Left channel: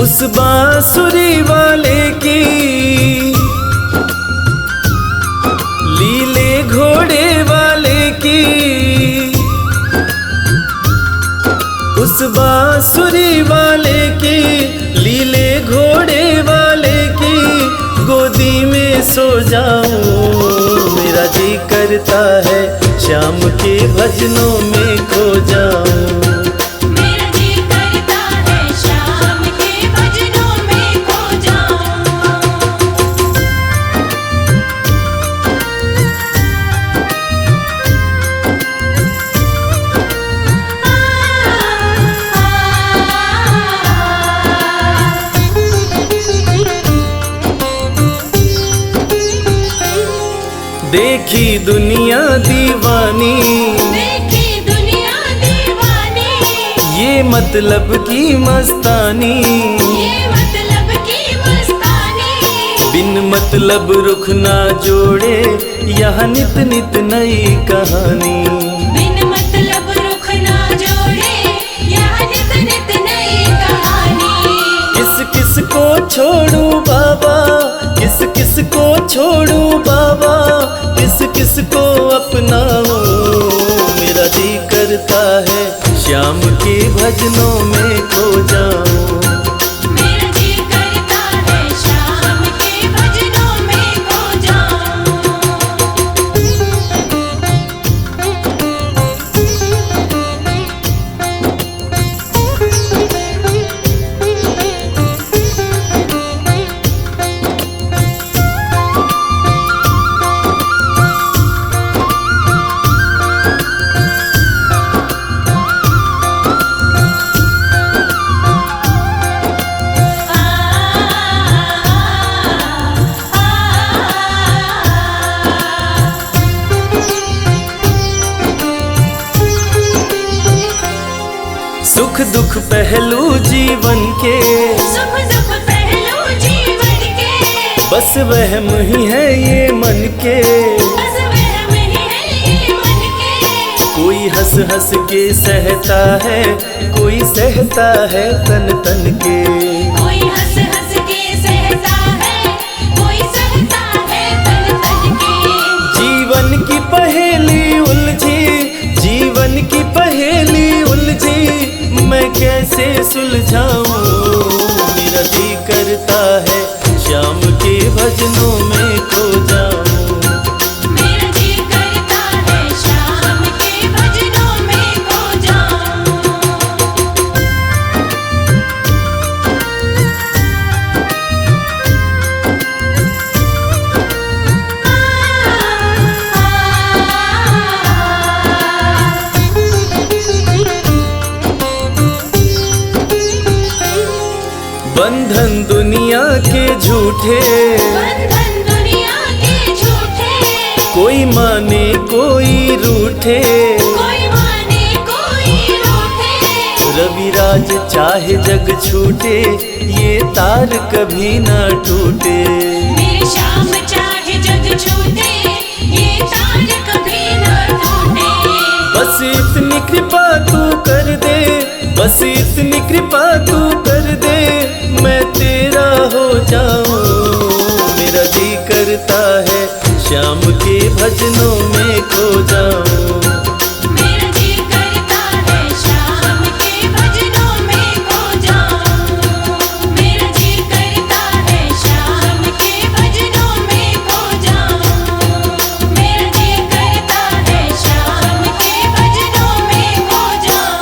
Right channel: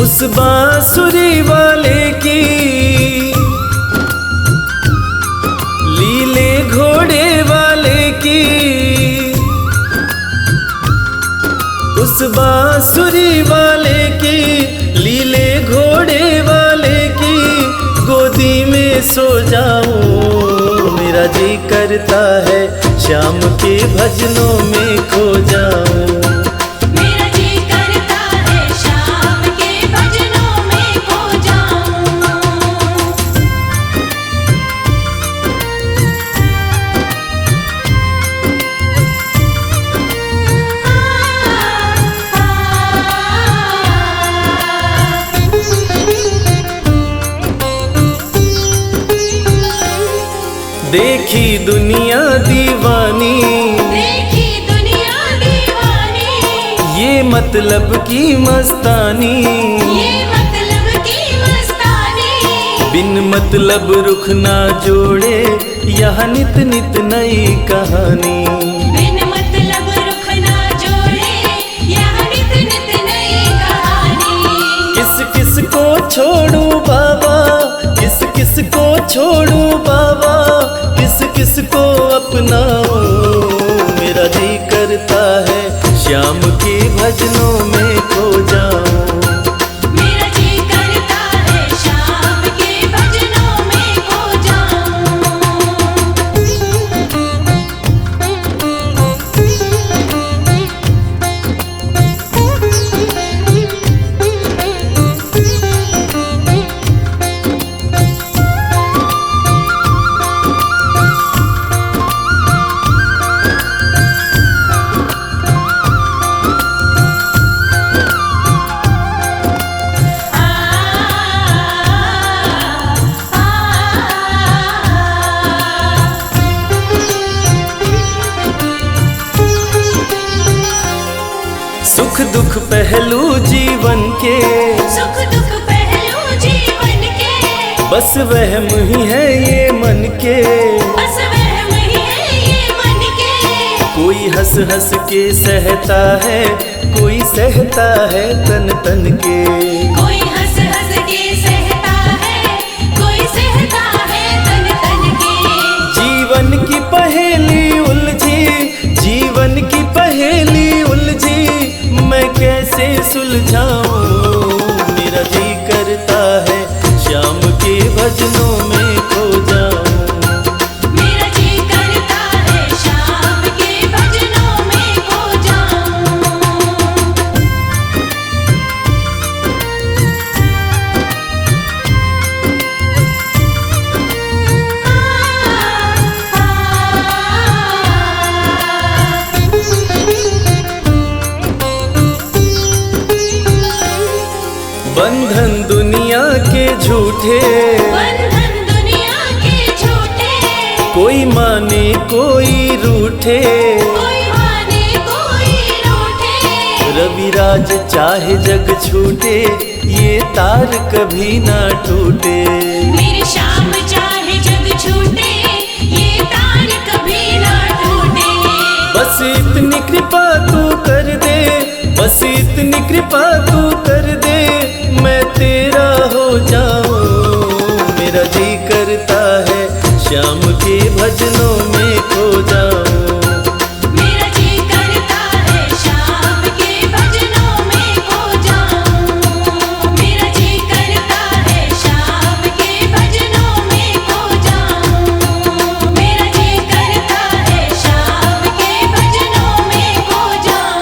उस बांसुरी वाले की लीले घोड़े वाले की, उस बांसुरी वाले की लीले घोड़े वाले की गोदी में सो जाऊं। मेरा जी करता है श्याम के भजनों में खो जाऊं। देखी दुनिया दीवानी, देखी दुनिया दीवानी, ये मतलब की मस्तानी, ये मतलब की मस्तानी। बिन मतलब रुख ना जोड़े यहाँ नित नित नई कहानी। बिन मतलब रुख ना जोड़े यहाँ नित नित नई कहानी। किस किस को छोड़ू बाबा, किस किस को छोड़ू बाबा, किस किस को अपनाऊं। मेरा जी करता है श्याम के भजनों में खो जाऊं। मेरा जी करता है श्याम के भजनों में खो सुख दुख पहलू जीवन के, सुख दुख पहलू जीवन के, बस वहम ही है ये मन के। बस वहम ही है ये मन के। कोई हंस हंस के सहता है, कोई सहता है तन तन के। कोई हंस हंस के सहता है, कोई सहता है तन तन के। जीवन की पहेली उलझी, जीवन की पहेली उलझी, मैं कैसे सुलझाऊं। मेरा जी करता है श्याम के भजनों में खो जाऊं। मेरा जी करता है श्याम के भजनों में खो जाऊं। बंधन दुनिया के झूठे, बंधन दुनिया के झूठे, कोई माने कोई रूठे। कोई माने कोई रूठे। रविराज चाहे जग छूटे, ये तार कभी ना टूटे। मेरे श्याम चाहे जग छूटे, ये तार कभी ना टूटे। बस इतनी कृपा तू कर दे, बस इतनी कृपा तू कर दे, मैं तेरा हो जाऊं। मेरा जी करता है श्याम के भजनों में खो जाऊं। मेरा जी करता है श्याम के भजनों में खो जाऊं। मेरा जी करता है श्याम के भजनों में खो जाऊं। मेरा जी करता है श्याम के भजनों में खो जाऊं।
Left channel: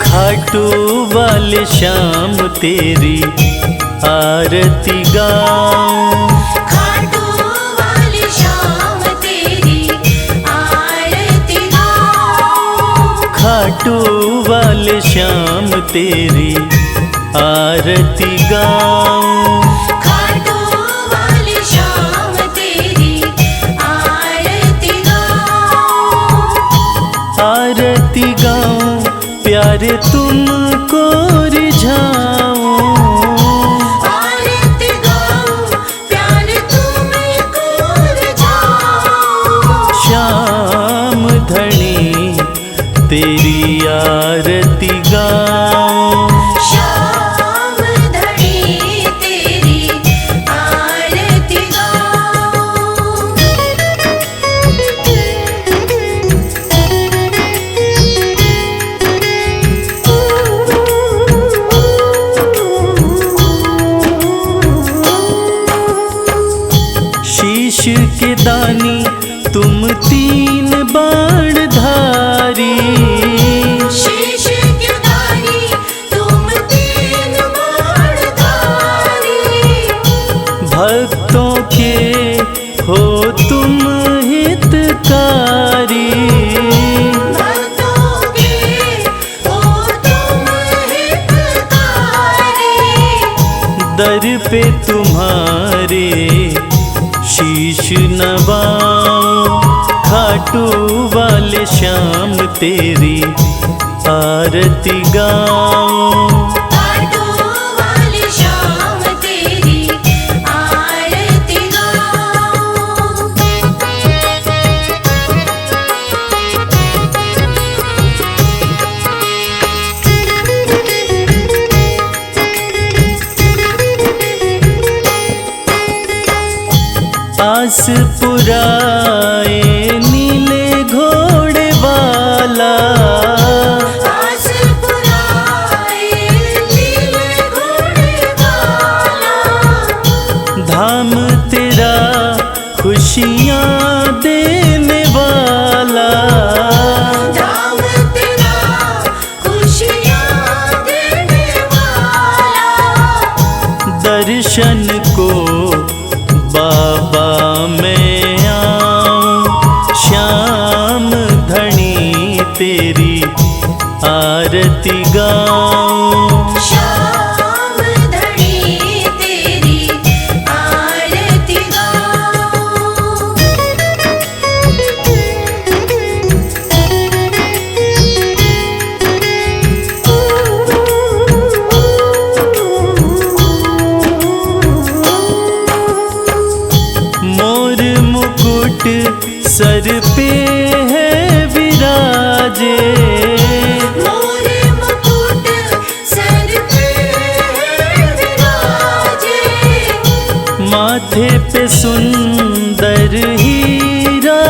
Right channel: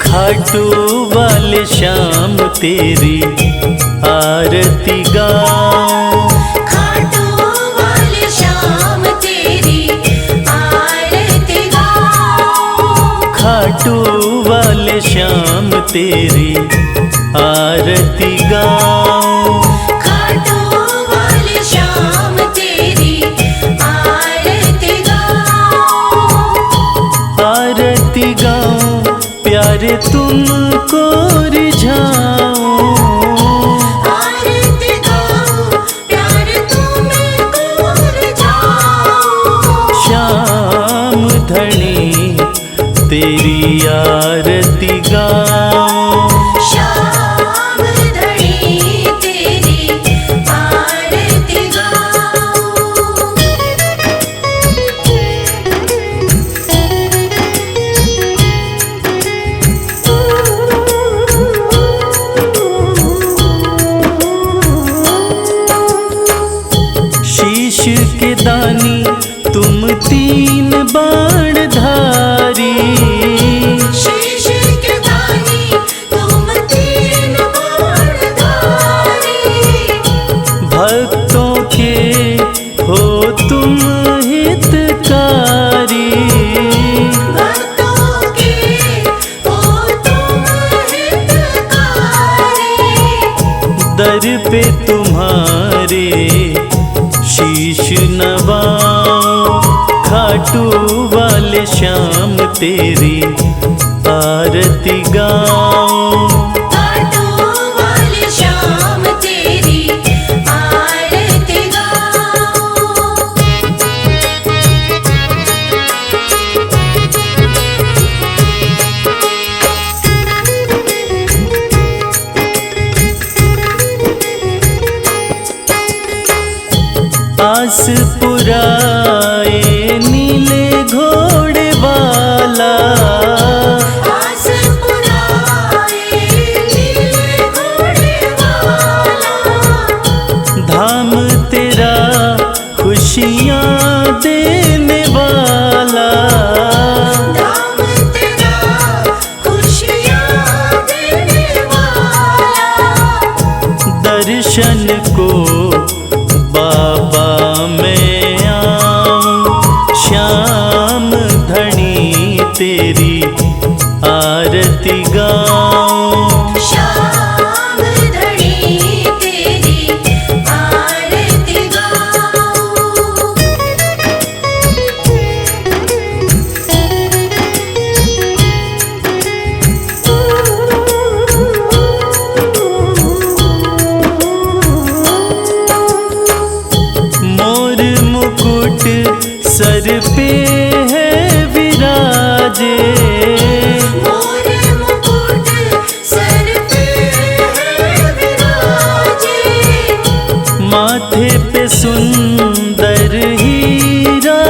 खाटू वाले श्याम तेरी आरती गाऊं। खाटू वाले श्याम तेरी आरती गाऊं। खाटू वाले श्याम तेरी आरती गाऊं। खाटू वाले श्याम तेरी आरती गाऊं। आरती गाऊं प्यारे तुमको रिझाऊं। आरती गाऊं प्यारे तुमको रिझाऊं। श्याम धनी तेरी आरती गाऊं। श्याम धनी तेरी आरती गाऊं। शीश के दानी तुम तीन बाण धारी। शीश के दानी तुम तीन बाणधारी। भक्तों के हो तुम हितकारी। भक्तों के हो तुम हितकारी। दर पे तुम्हारे शीश नवाऊं। खाटू वाले श्याम तेरी आरती गाऊं। खाटू वाले श्याम तेरी आरती गाऊं। आस पुराए नीले घोड़े वाला। आस पुराए नीले घोड़े वाला। धाम तेरा खुशियाँ देने वाला। धाम तेरा खुशियाँ देने वाला। दर्शन को बाबा मैं आऊं। श्याम धनी तेरी आरती गाऊं। श्याम धनी तेरी आरती गाऊं। मोर मुकुट सर पे है विराजे। मोर मुकुट सर पे है विराजे। माथे पे सुंदर हीरा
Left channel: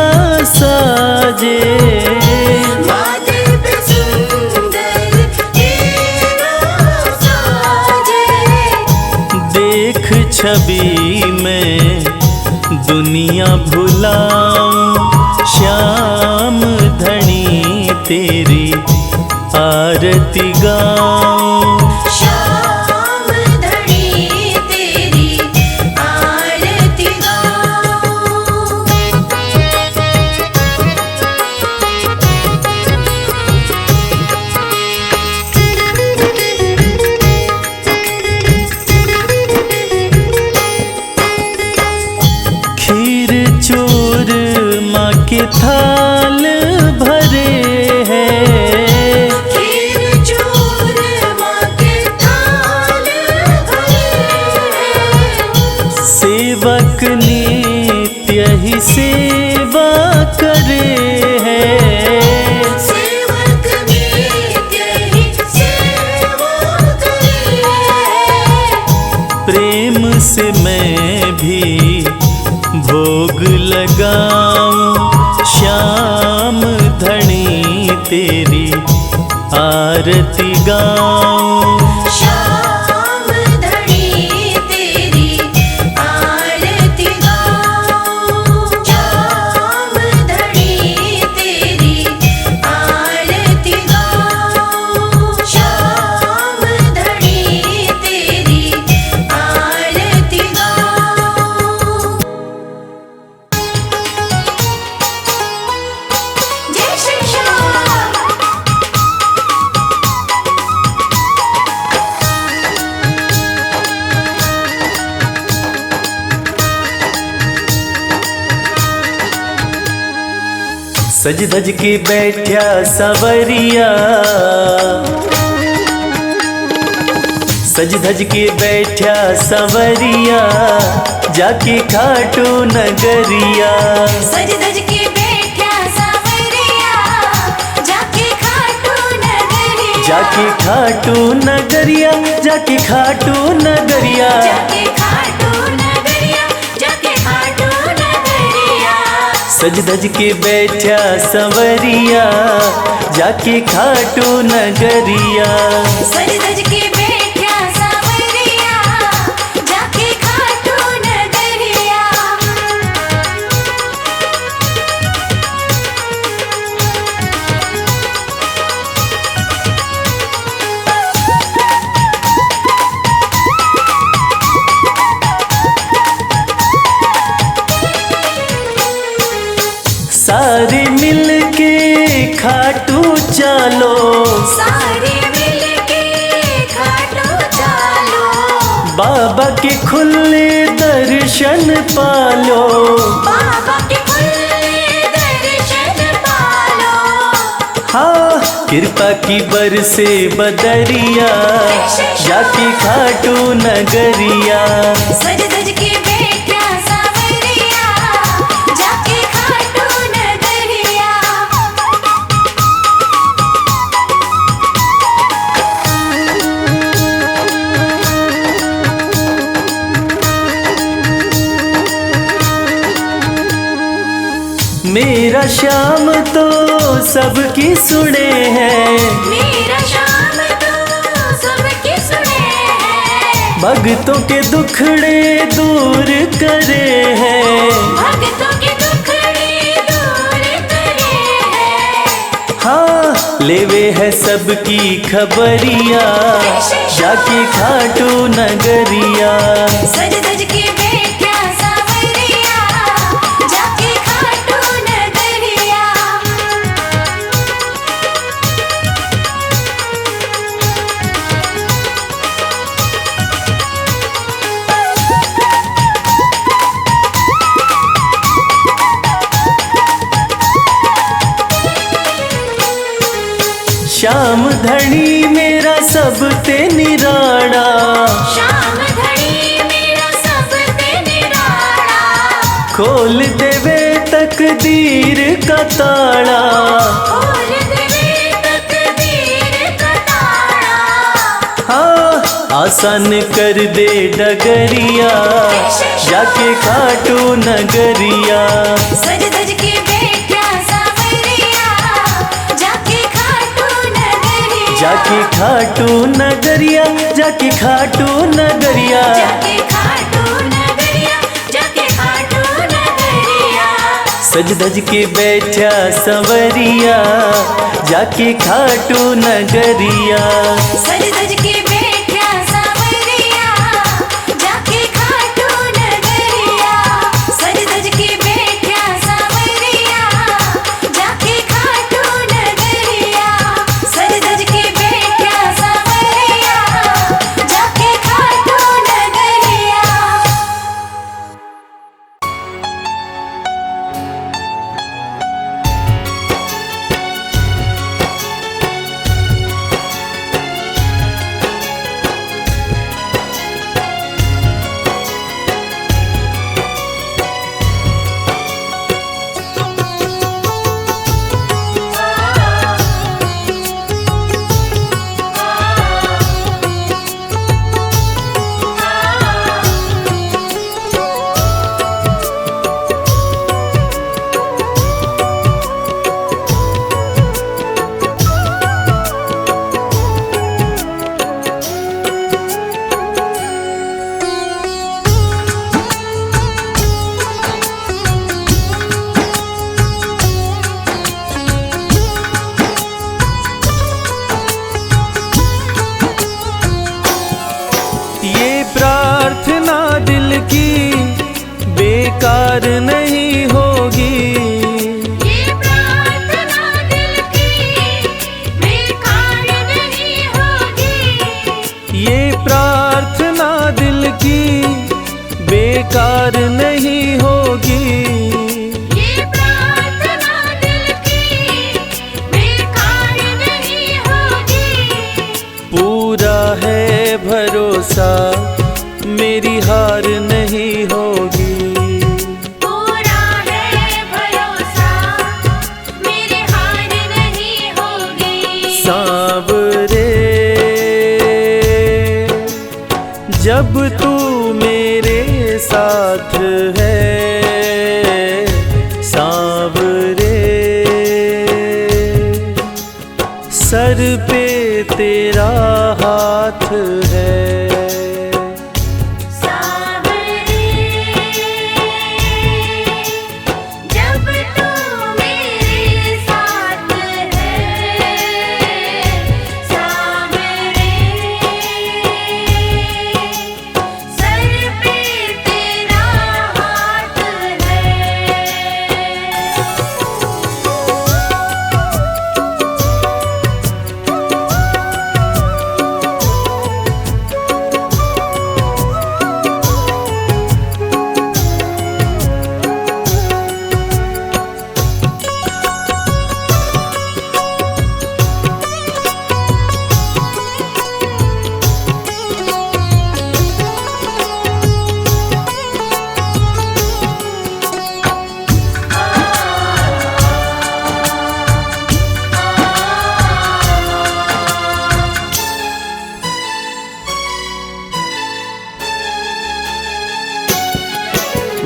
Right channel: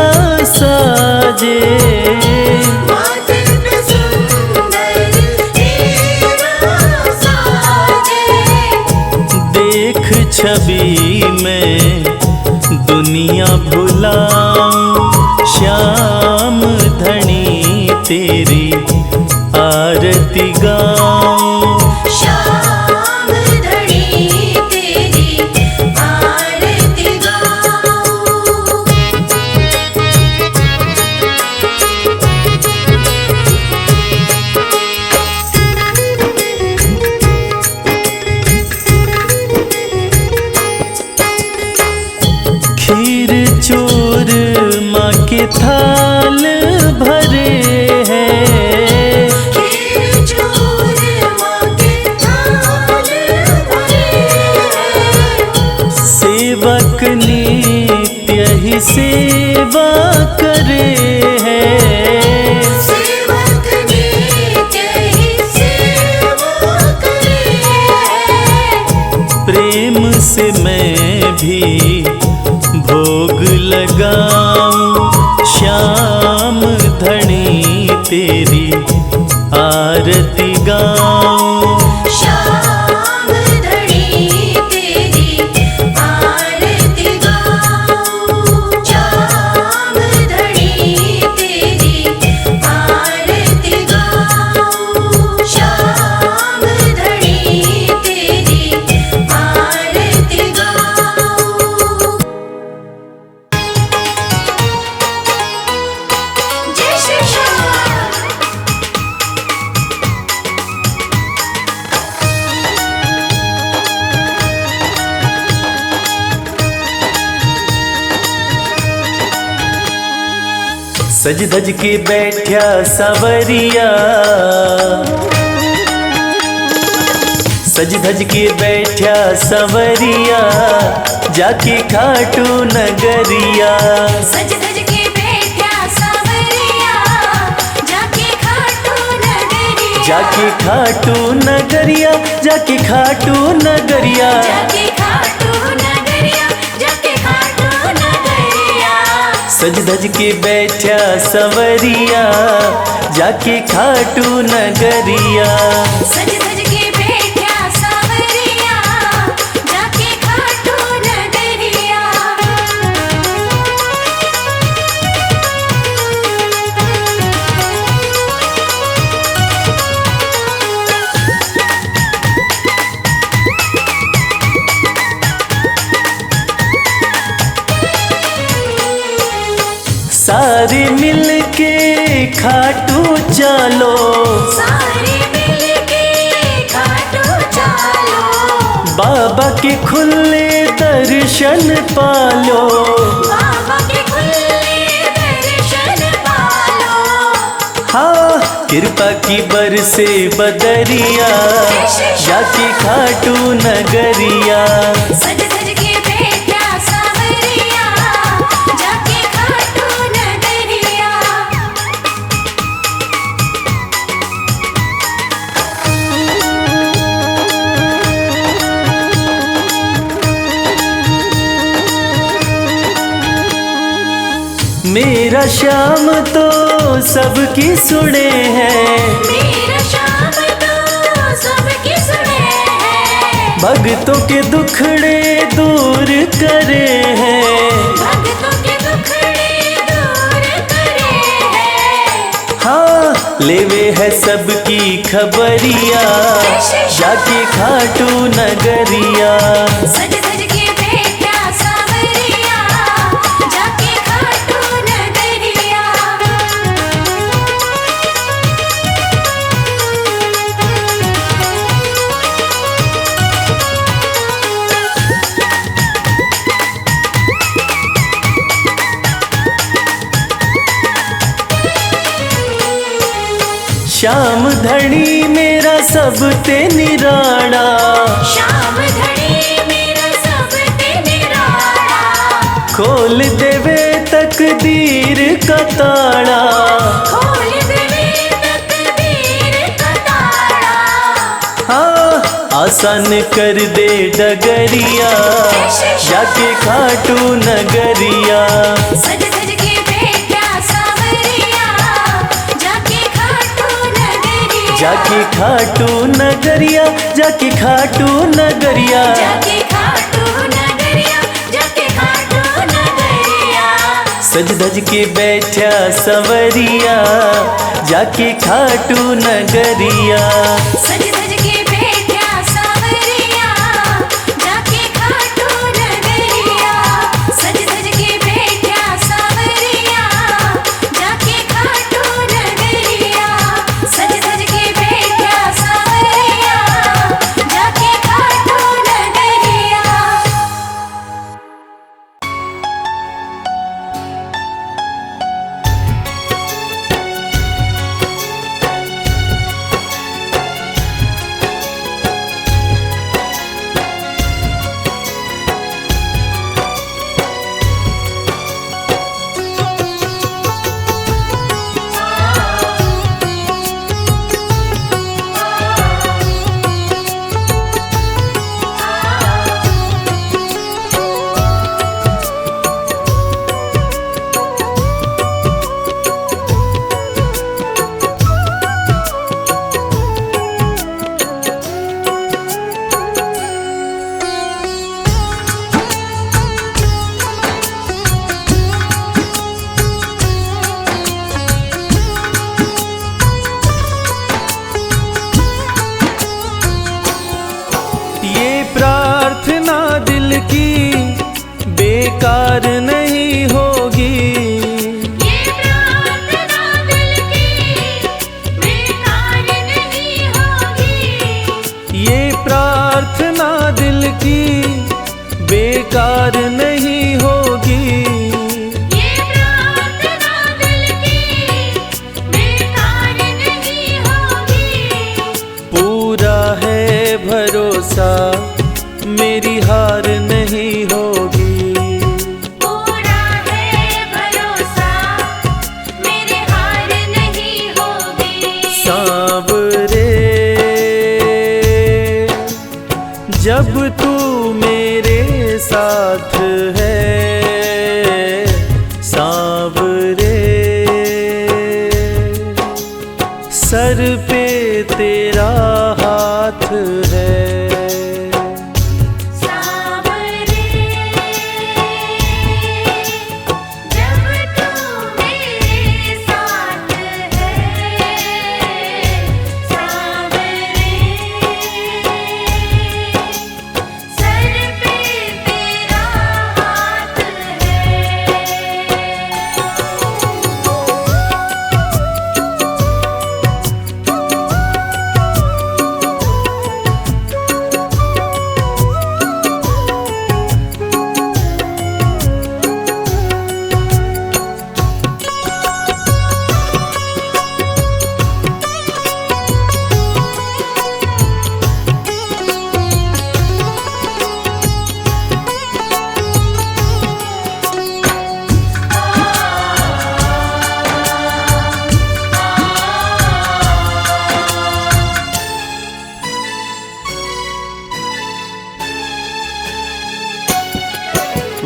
साजे। माथे पे सुंदर हीरा साजे। देख छवि में दुनिया भुलाऊं। श्याम धनी तेरी आरती गाऊं। श्याम धनी तेरी आरती गाऊं। खीर चोर माँ के थाल भरे हैं। खीर चोर माँ के थाल भरे हैं। सेवक नित्य ही सेवा करे हैं। सेवक नित्य ही सेवा करे हैं। प्रेम से मैं भी भोग लगाऊं। श्याम धनी तेरी आरती गाऊं। श्याम धनी तेरी आरती गाऊं। श्याम धनी तेरी आरती गाऊं। श्याम धनी तेरी आरती गाऊं। जय श्री श्याम। सज धज के बैठा सवरिया, सज धज के बैठा सवरिया, जाके खाटू नगरिया। सज धज के बैठा सवरिया, जाके खाटू नगरिया। जाके खाटू नगरिया, जाके खाटू नगरिया। जाके खाटू नगरिया, जाके खाटू नगरिया। सज धज के बैठा सवरिया, जाके खाटू नगरिया। सज धज के बैठा सवरिया, जाके खाटू नगरिया। सारे मिल के खाटू चलो, सारे मिलके खाटू चलो। बाबा के खुले दर्शन पालो। बाबा के खुले दर्शन पालो। हाँ कृपा की बरसे बदरिया, जाके खाटू नगरिया। सज धज के बैठा सवरिया, जाके खाटू नगरिया। मेरा श्याम तो सबकी सुने हैं, मेरा श्याम तो सबके सुने हैं। भक्तों के दुखड़े दूर करे हैं। भक्तों के दुखड़े दूर करे हैं। हाँ लेवे है सबकी खबरिया, जाके खाटू नगरिया। सज धज के बैठा सवरिया, जाके खाटू नगरिया। श्याम धनी मेरा सब ते निराड़ा, श्याम धनी मेरा सब ते निराला। खोल देवे तकदीर का ताड़ा। खोल देवे तकदीर का ताला। हाँ आसान कर दे डगरिया, जाके खाटू नगरिया। सज धज के बैठा सवरिया, जाके खाटू नगरिया। जाके खाटू नगरिया, जाके खाटू नगरिया। जाके खाटू नगरिया, जाके खाटू नगरिया। सज धज के बैठा सवरिया, जाके खाटू नगरिया। सज धज के बैठा सवरिया, जाके खाटू नगरिया। सज धज के बैठा सवरिया, जाके खाटू नगरिया। सज धज के बैठा सवरिया, जाके खाटू नगरिया। प्रार्थना दिल की बेकार नहीं होगी। ये प्रार्थना दिल की बेकार नहीं होगी। ये प्रार्थना दिल की बेकार नहीं होगी। ये प्रार्थना दिल की भरोसा मेरी हार नहीं होगी। पूरा है भरोसा मेरी हार नहीं होगी। सांवरे जब तू मेरे साथ है, सांवरे सर पे तेरा हाथ है। सांवरे जब तू मेरे साथ है, सांवरे सर पे तेरा हाथ है।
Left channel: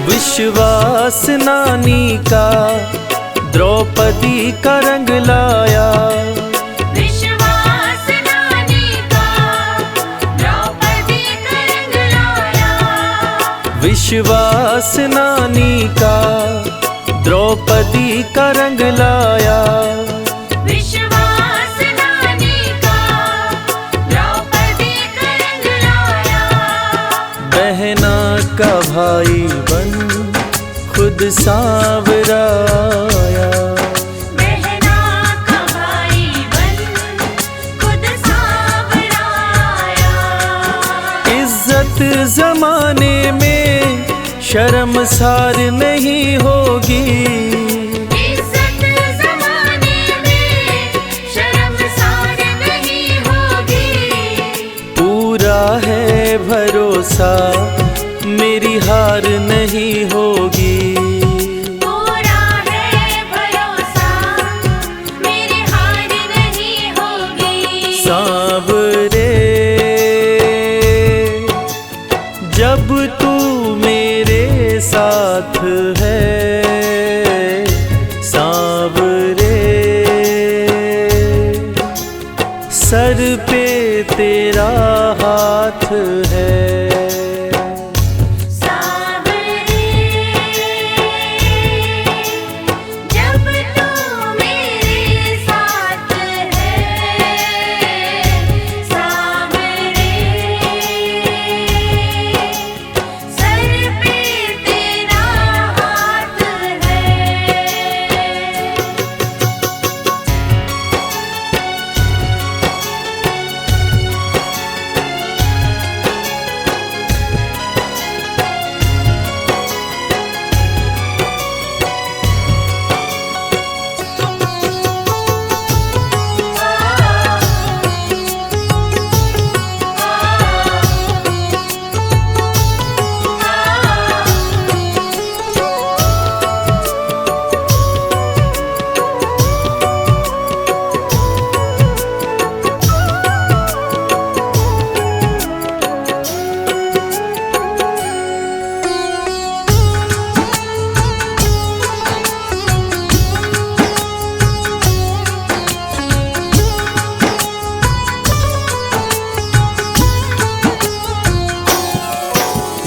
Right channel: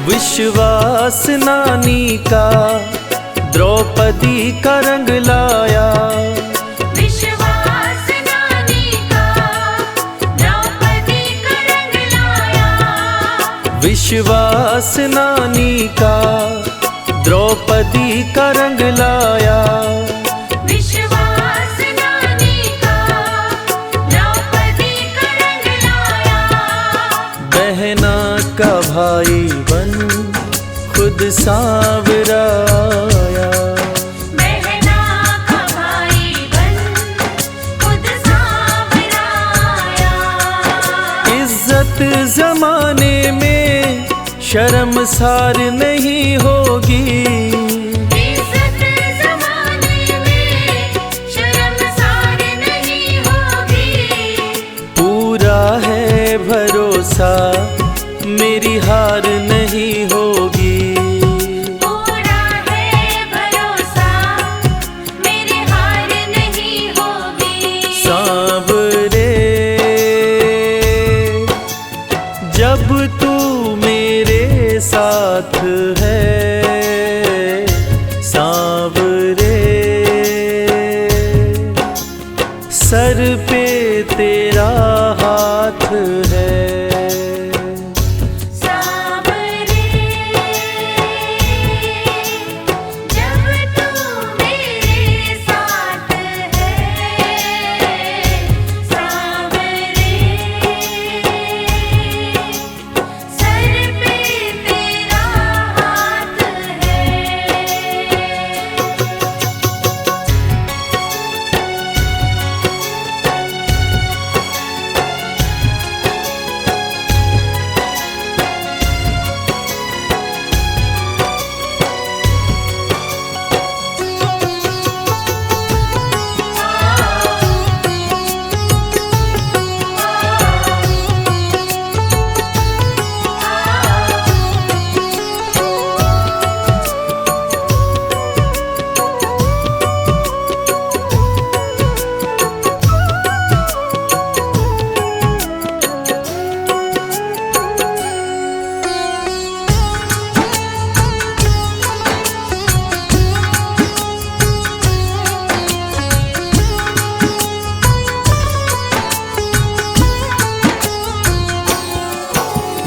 विश्वास नानी का द्रौपदी का रंग लाया, विश्वास नानी का द्रौपदी का रंग लाया। विश्वास नानी का द्रौपदी का रंग लाया। विश्वास नानी का द्रौपदी का रंग लाया। बहना का भाई बन खुद सांवरा आया। बहना का भाई बन खुद सांवरा आया। इज्जत जमाने में शर्मसार नहीं होगी। इज्जत ज़माने में शर्मसार नहीं होगी। पूरा है भरोसा मेरी हार नहीं होगी। पूरा है भरोसा मेरी हार नहीं होगी। सांवरे जब तू मेरे साथ है, सांवरे सर पे तेरा हाथ है। सांवरे जब तू मेरे साथ है, सांवरे सर पे तेरा हाथ है।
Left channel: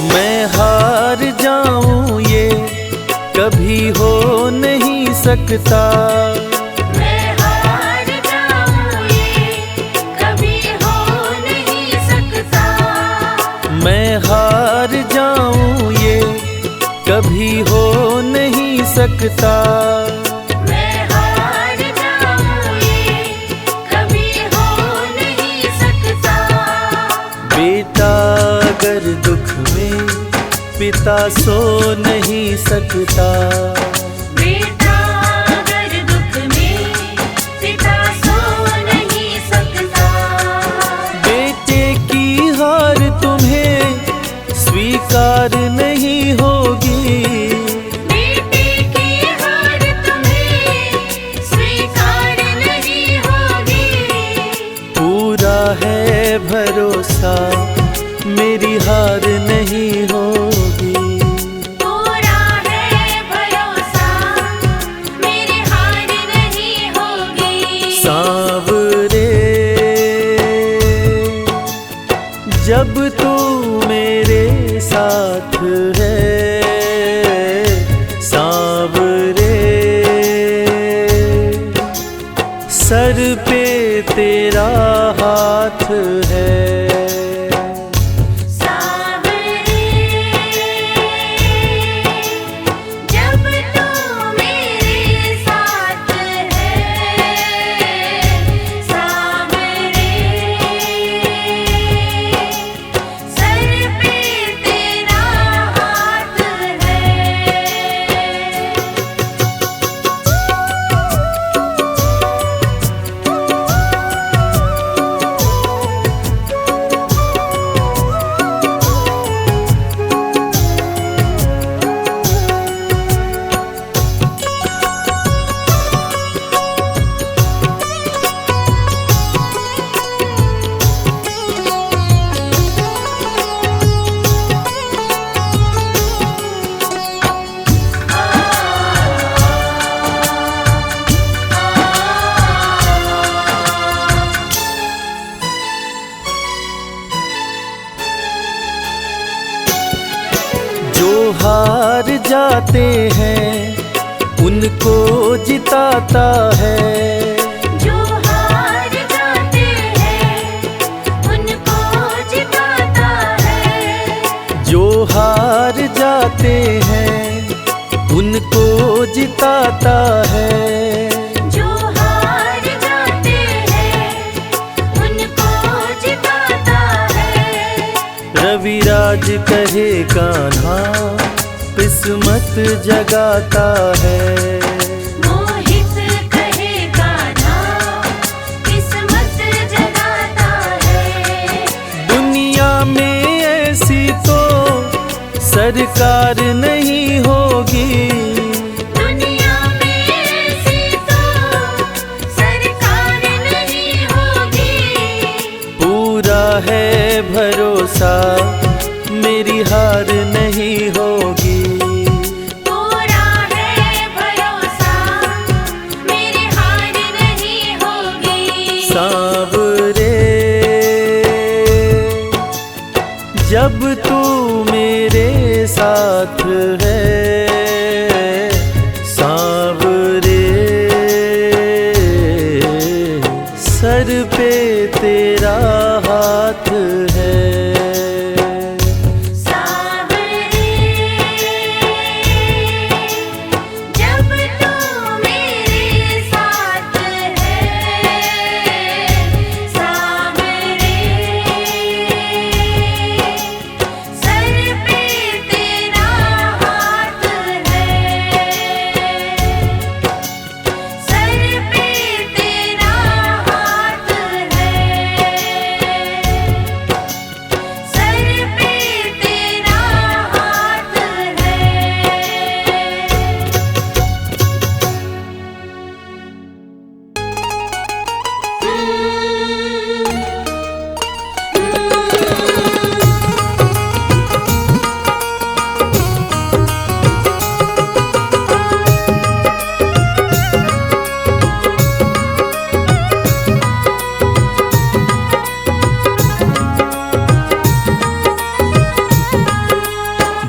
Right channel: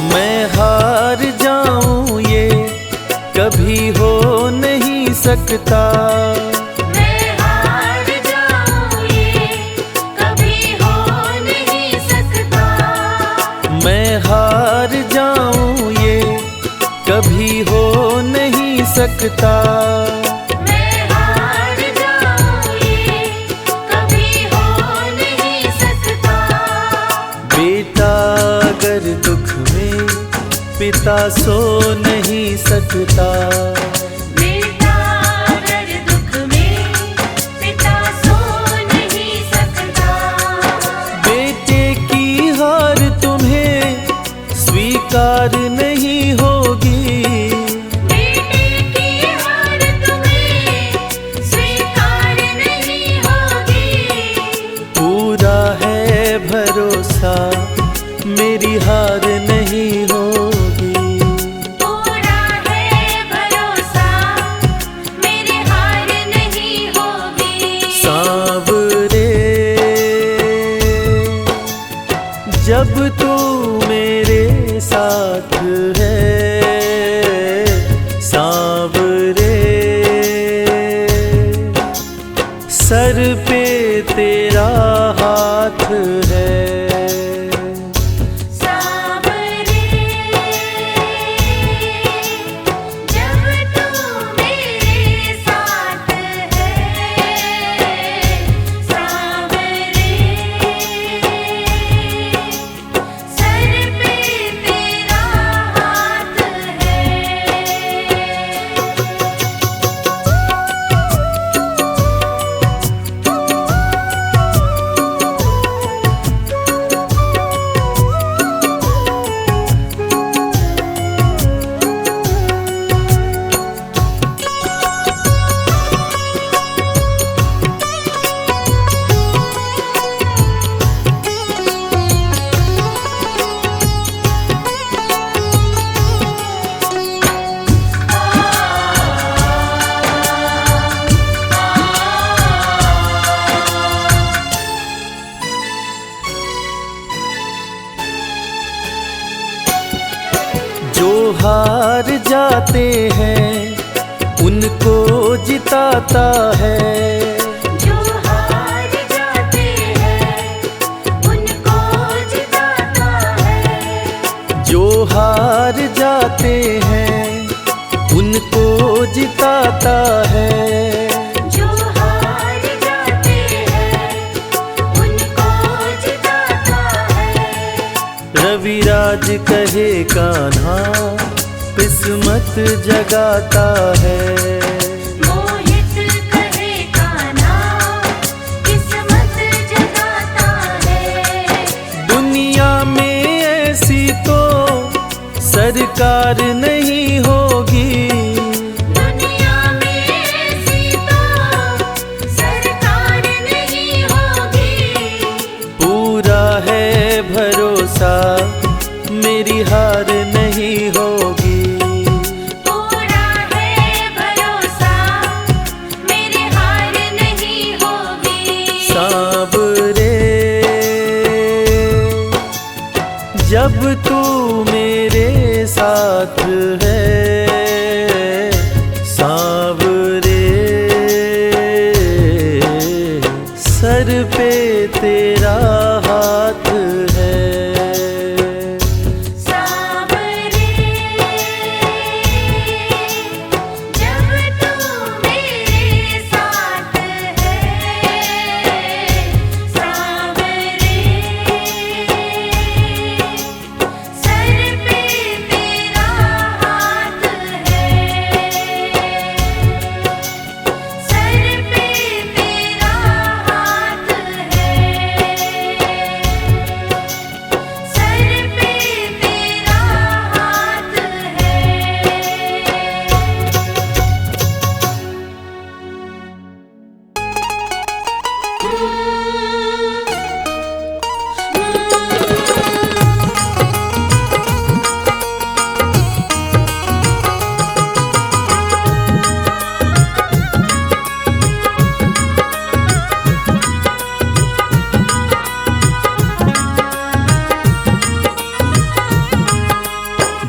मैं हार जाऊं ये कभी हो नहीं सकता। मैं हार जाऊं ये कभी हो नहीं सकता। मैं हार जाऊं ये कभी हो नहीं सकता। मैं हार जाऊं ये कभी हो नहीं सकता। बेटा अगर दुख में पिता सो नहीं सकता। बेटा अगर दुख में पिता सो नहीं सकता। बेटे की हार तो मेरी हार नहीं होगी। पूरा है भरोसा, मेरी हार नहीं होगी। सांवरे जब तू मेरे साथ है, सांवरे सर पे तेरा हाथ है। सांवरे जब तू मेरे साथ है, सांवरे सर पे तेरा हाथ है। जो हार जाते हैं उनको जिताता है, जो हार जाते हैं उनको जिताता है। जो हार जाते हैं उनको जिताता है। जो हार जाते हैं उनको जिताता है। रविराज कहे कान्हा किस्मत जगाता है। मोहित कहे कान्हा किस्मत जगाता है। दुनिया में ऐसी तो सरकार नहीं होगी, दुनिया में ऐसी तो सरकार नहीं होगी। पूरा है भरोसा मेरी हार नहीं होगी। पूरा है भरोसा, मेरी हार नहीं होगी। सांवरे जब तू मेरे साथ है, सांवरे सर पे तेरा हाथ है। सांवरे जब तू मेरे साथ है, सांवरे सर पे तेरा हाथ है। सर पे तेरा हाथ है। सर पे तेरा हाथ है।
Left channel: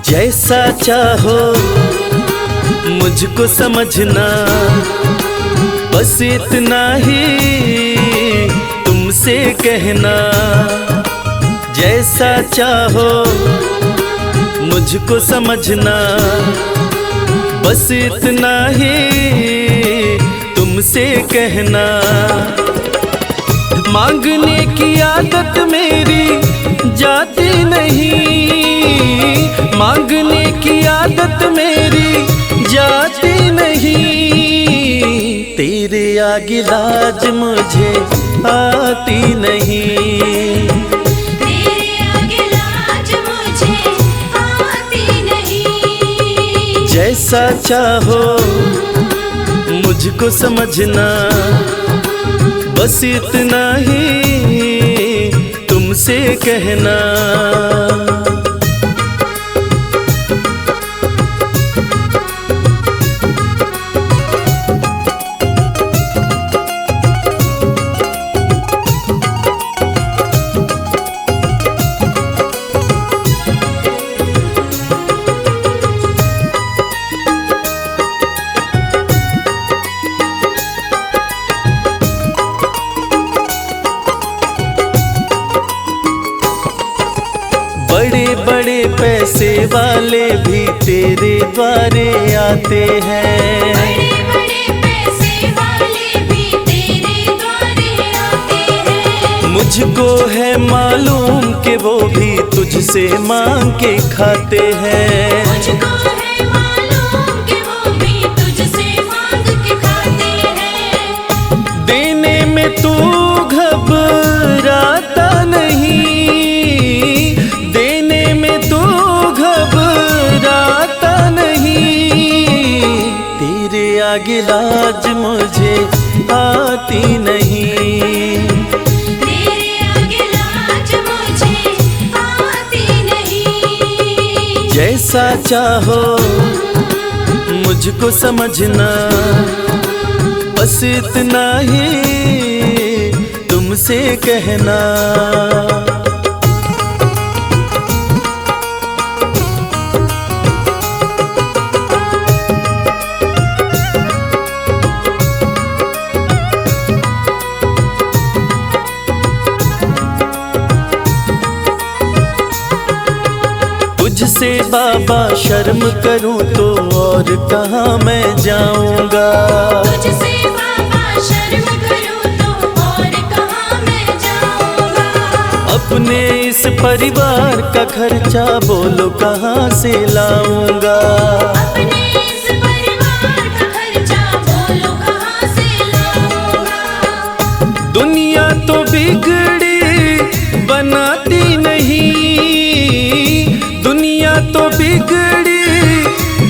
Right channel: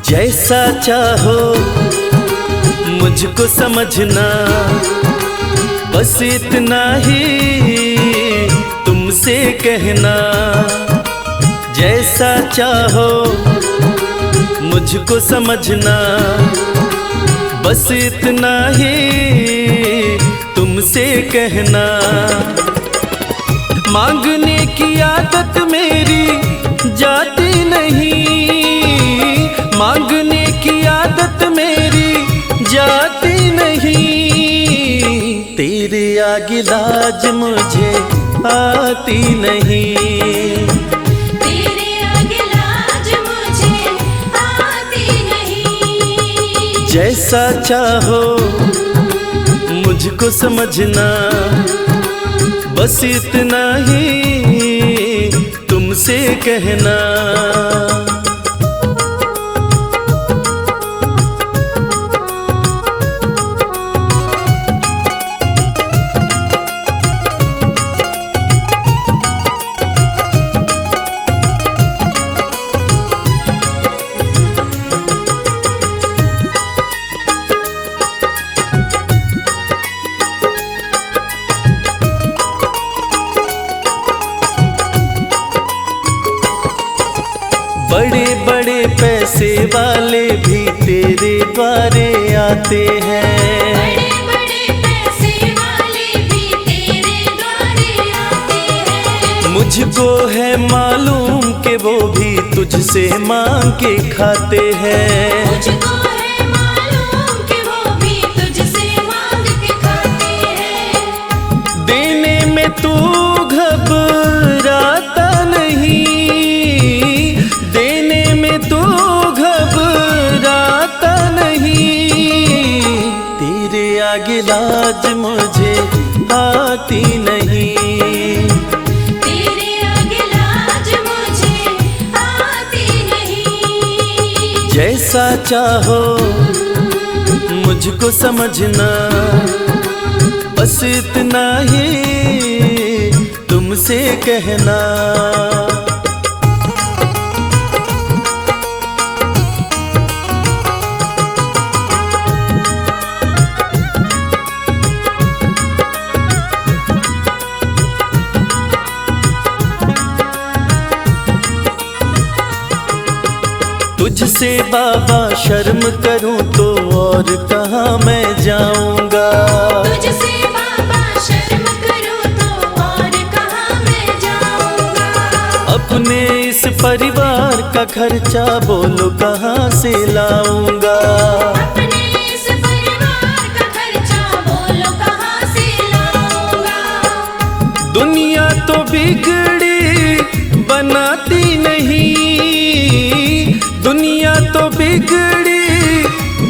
जैसा चाहो मुझको समझना, बस इतना ही तुमसे कहना। जैसा चाहो मुझको समझना, बस इतना ही तुमसे कहना। मांगने की आदत मेरी जाती नहीं, मांगने की आदत मेरी जाती नहीं। तेरे आगे लाज मुझे आती नहीं। तेरे आगे लाज मुझे आती नहीं। जैसा चाहो मुझको समझना, बस इतना ही तुम तुमसे कहना। बड़े बड़े पैसे वाले भी तेरे द्वारे आते हैं। बड़े पैसे वाले भी तेरे द्वारे आते हैं। मुझको है मालूम कि वो भी तुझसे मांग के खाते हैं। मुझको है मालूम कि वो भी तुझसे मांग के खाते हैं। देने में तू घबराता नहीं, देने में तू घबराता नहीं। तेरे आगे लाज मुझे आती नहीं। तेरे आगे लाज मुझे आती नहीं। जैसा चाहो मुझको समझना, बस इतना ही तुमसे कहना। तुझसे बाबा शर्म करूं तो और कहाँ मैं जाऊंगा। तुझसे बाबा शर्म करूं तो और कहाँ मैं जाऊंगा। अपने इस परिवार का खर्चा बोलो कहाँ से लाऊंगा। अपने इस परिवार का खर्चा बोलो कहाँ से लाऊंगा। दुनिया तो बिगड़ी बनाती नहीं, दुनिया तो बिगड़ी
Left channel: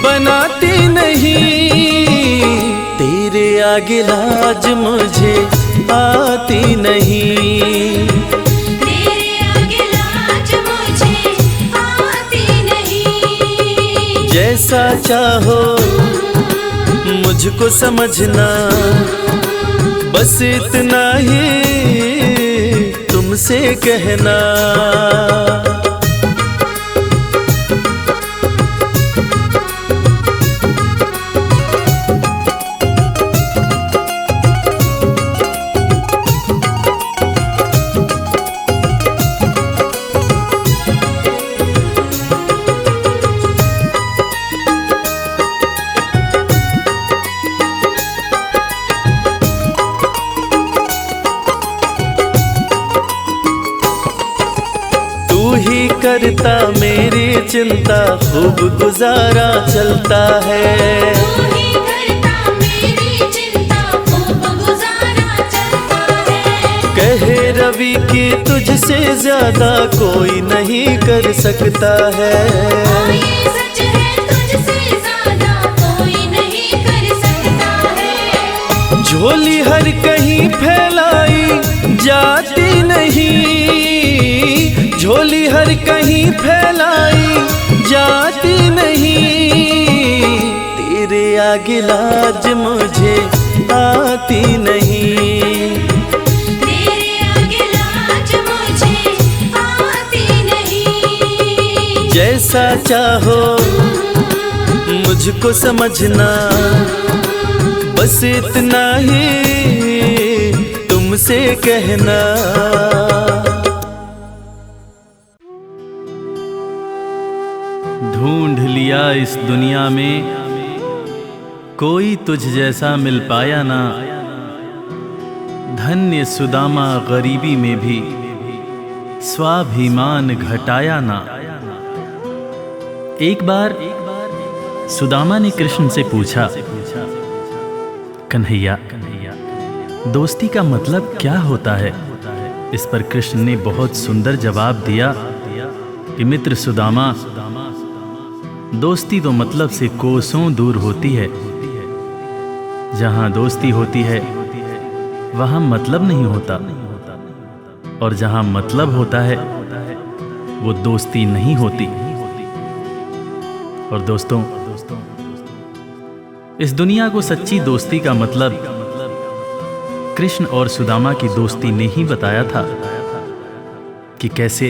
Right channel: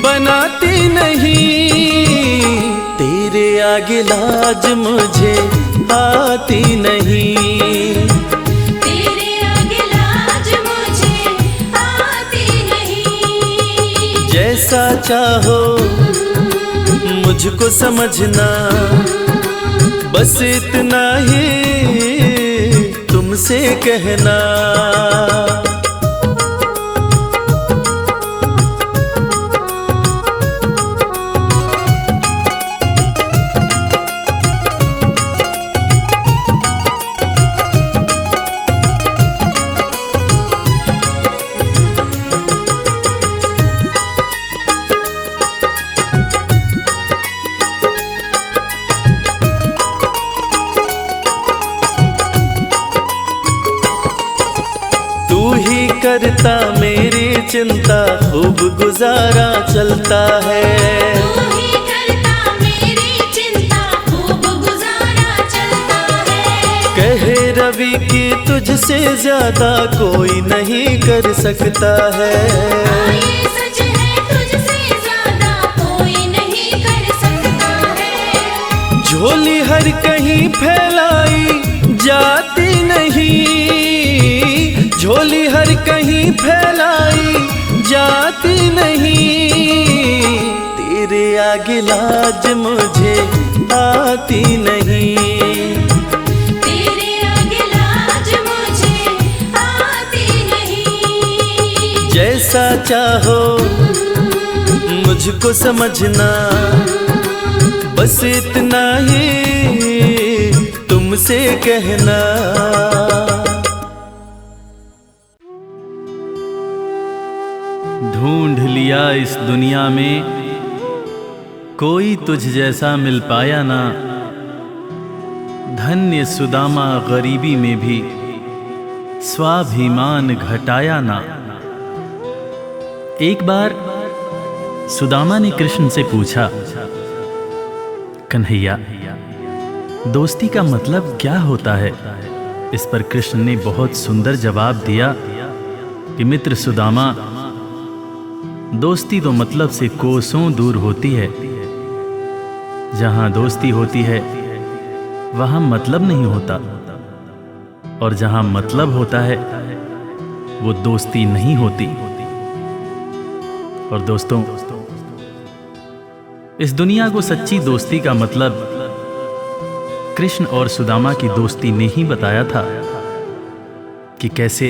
बनाती नहीं। तेरे आगे लाज मुझे आती नहीं। तेरे आगे लाज मुझे आती नहीं। जैसा चाहो मुझको समझना, बस इतना ही तुमसे कहना। तू ही करता मेरी चिंता, खूब गुजारा चलता है। तू ही करता मेरी चिंता, खूब गुजारा चलता है। कहे रवि कि तुझसे ज्यादा कोई नहीं कर सकता है। ये सच है, तुझसे ज्यादा कोई नहीं कर सकता है। झोली हर कहीं फैलाई जाती नहीं, झोली हर कहीं फैलाई जाती नहीं। तेरे आगे लाज मुझे आती नहीं। तेरे आगे लाज मुझे आती नहीं। जैसा चाहो मुझको समझना, बस इतना ही तुमसे कहना। ढूंढ लिया इस दुनिया में, कोई तुझ जैसा मिल पाया ना। धन्य सुदामा गरीबी में भी स्वाभिमान घटाया ना। एक बार सुदामा ने कृष्ण से पूछा, कन्हैया, दोस्ती का मतलब क्या होता है? इस पर कृष्ण ने बहुत सुंदर जवाब दिया कि मित्र सुदामा, दोस्ती तो मतलब से कोसों दूर होती है। जहां दोस्ती होती है वहां मतलब नहीं होता। और जहां मतलब होता है वो दोस्ती नहीं होती। और दोस्तों, इस दुनिया को सच्ची दोस्ती का मतलब कृष्ण और सुदामा की दोस्ती ने ही बताया था कि कैसे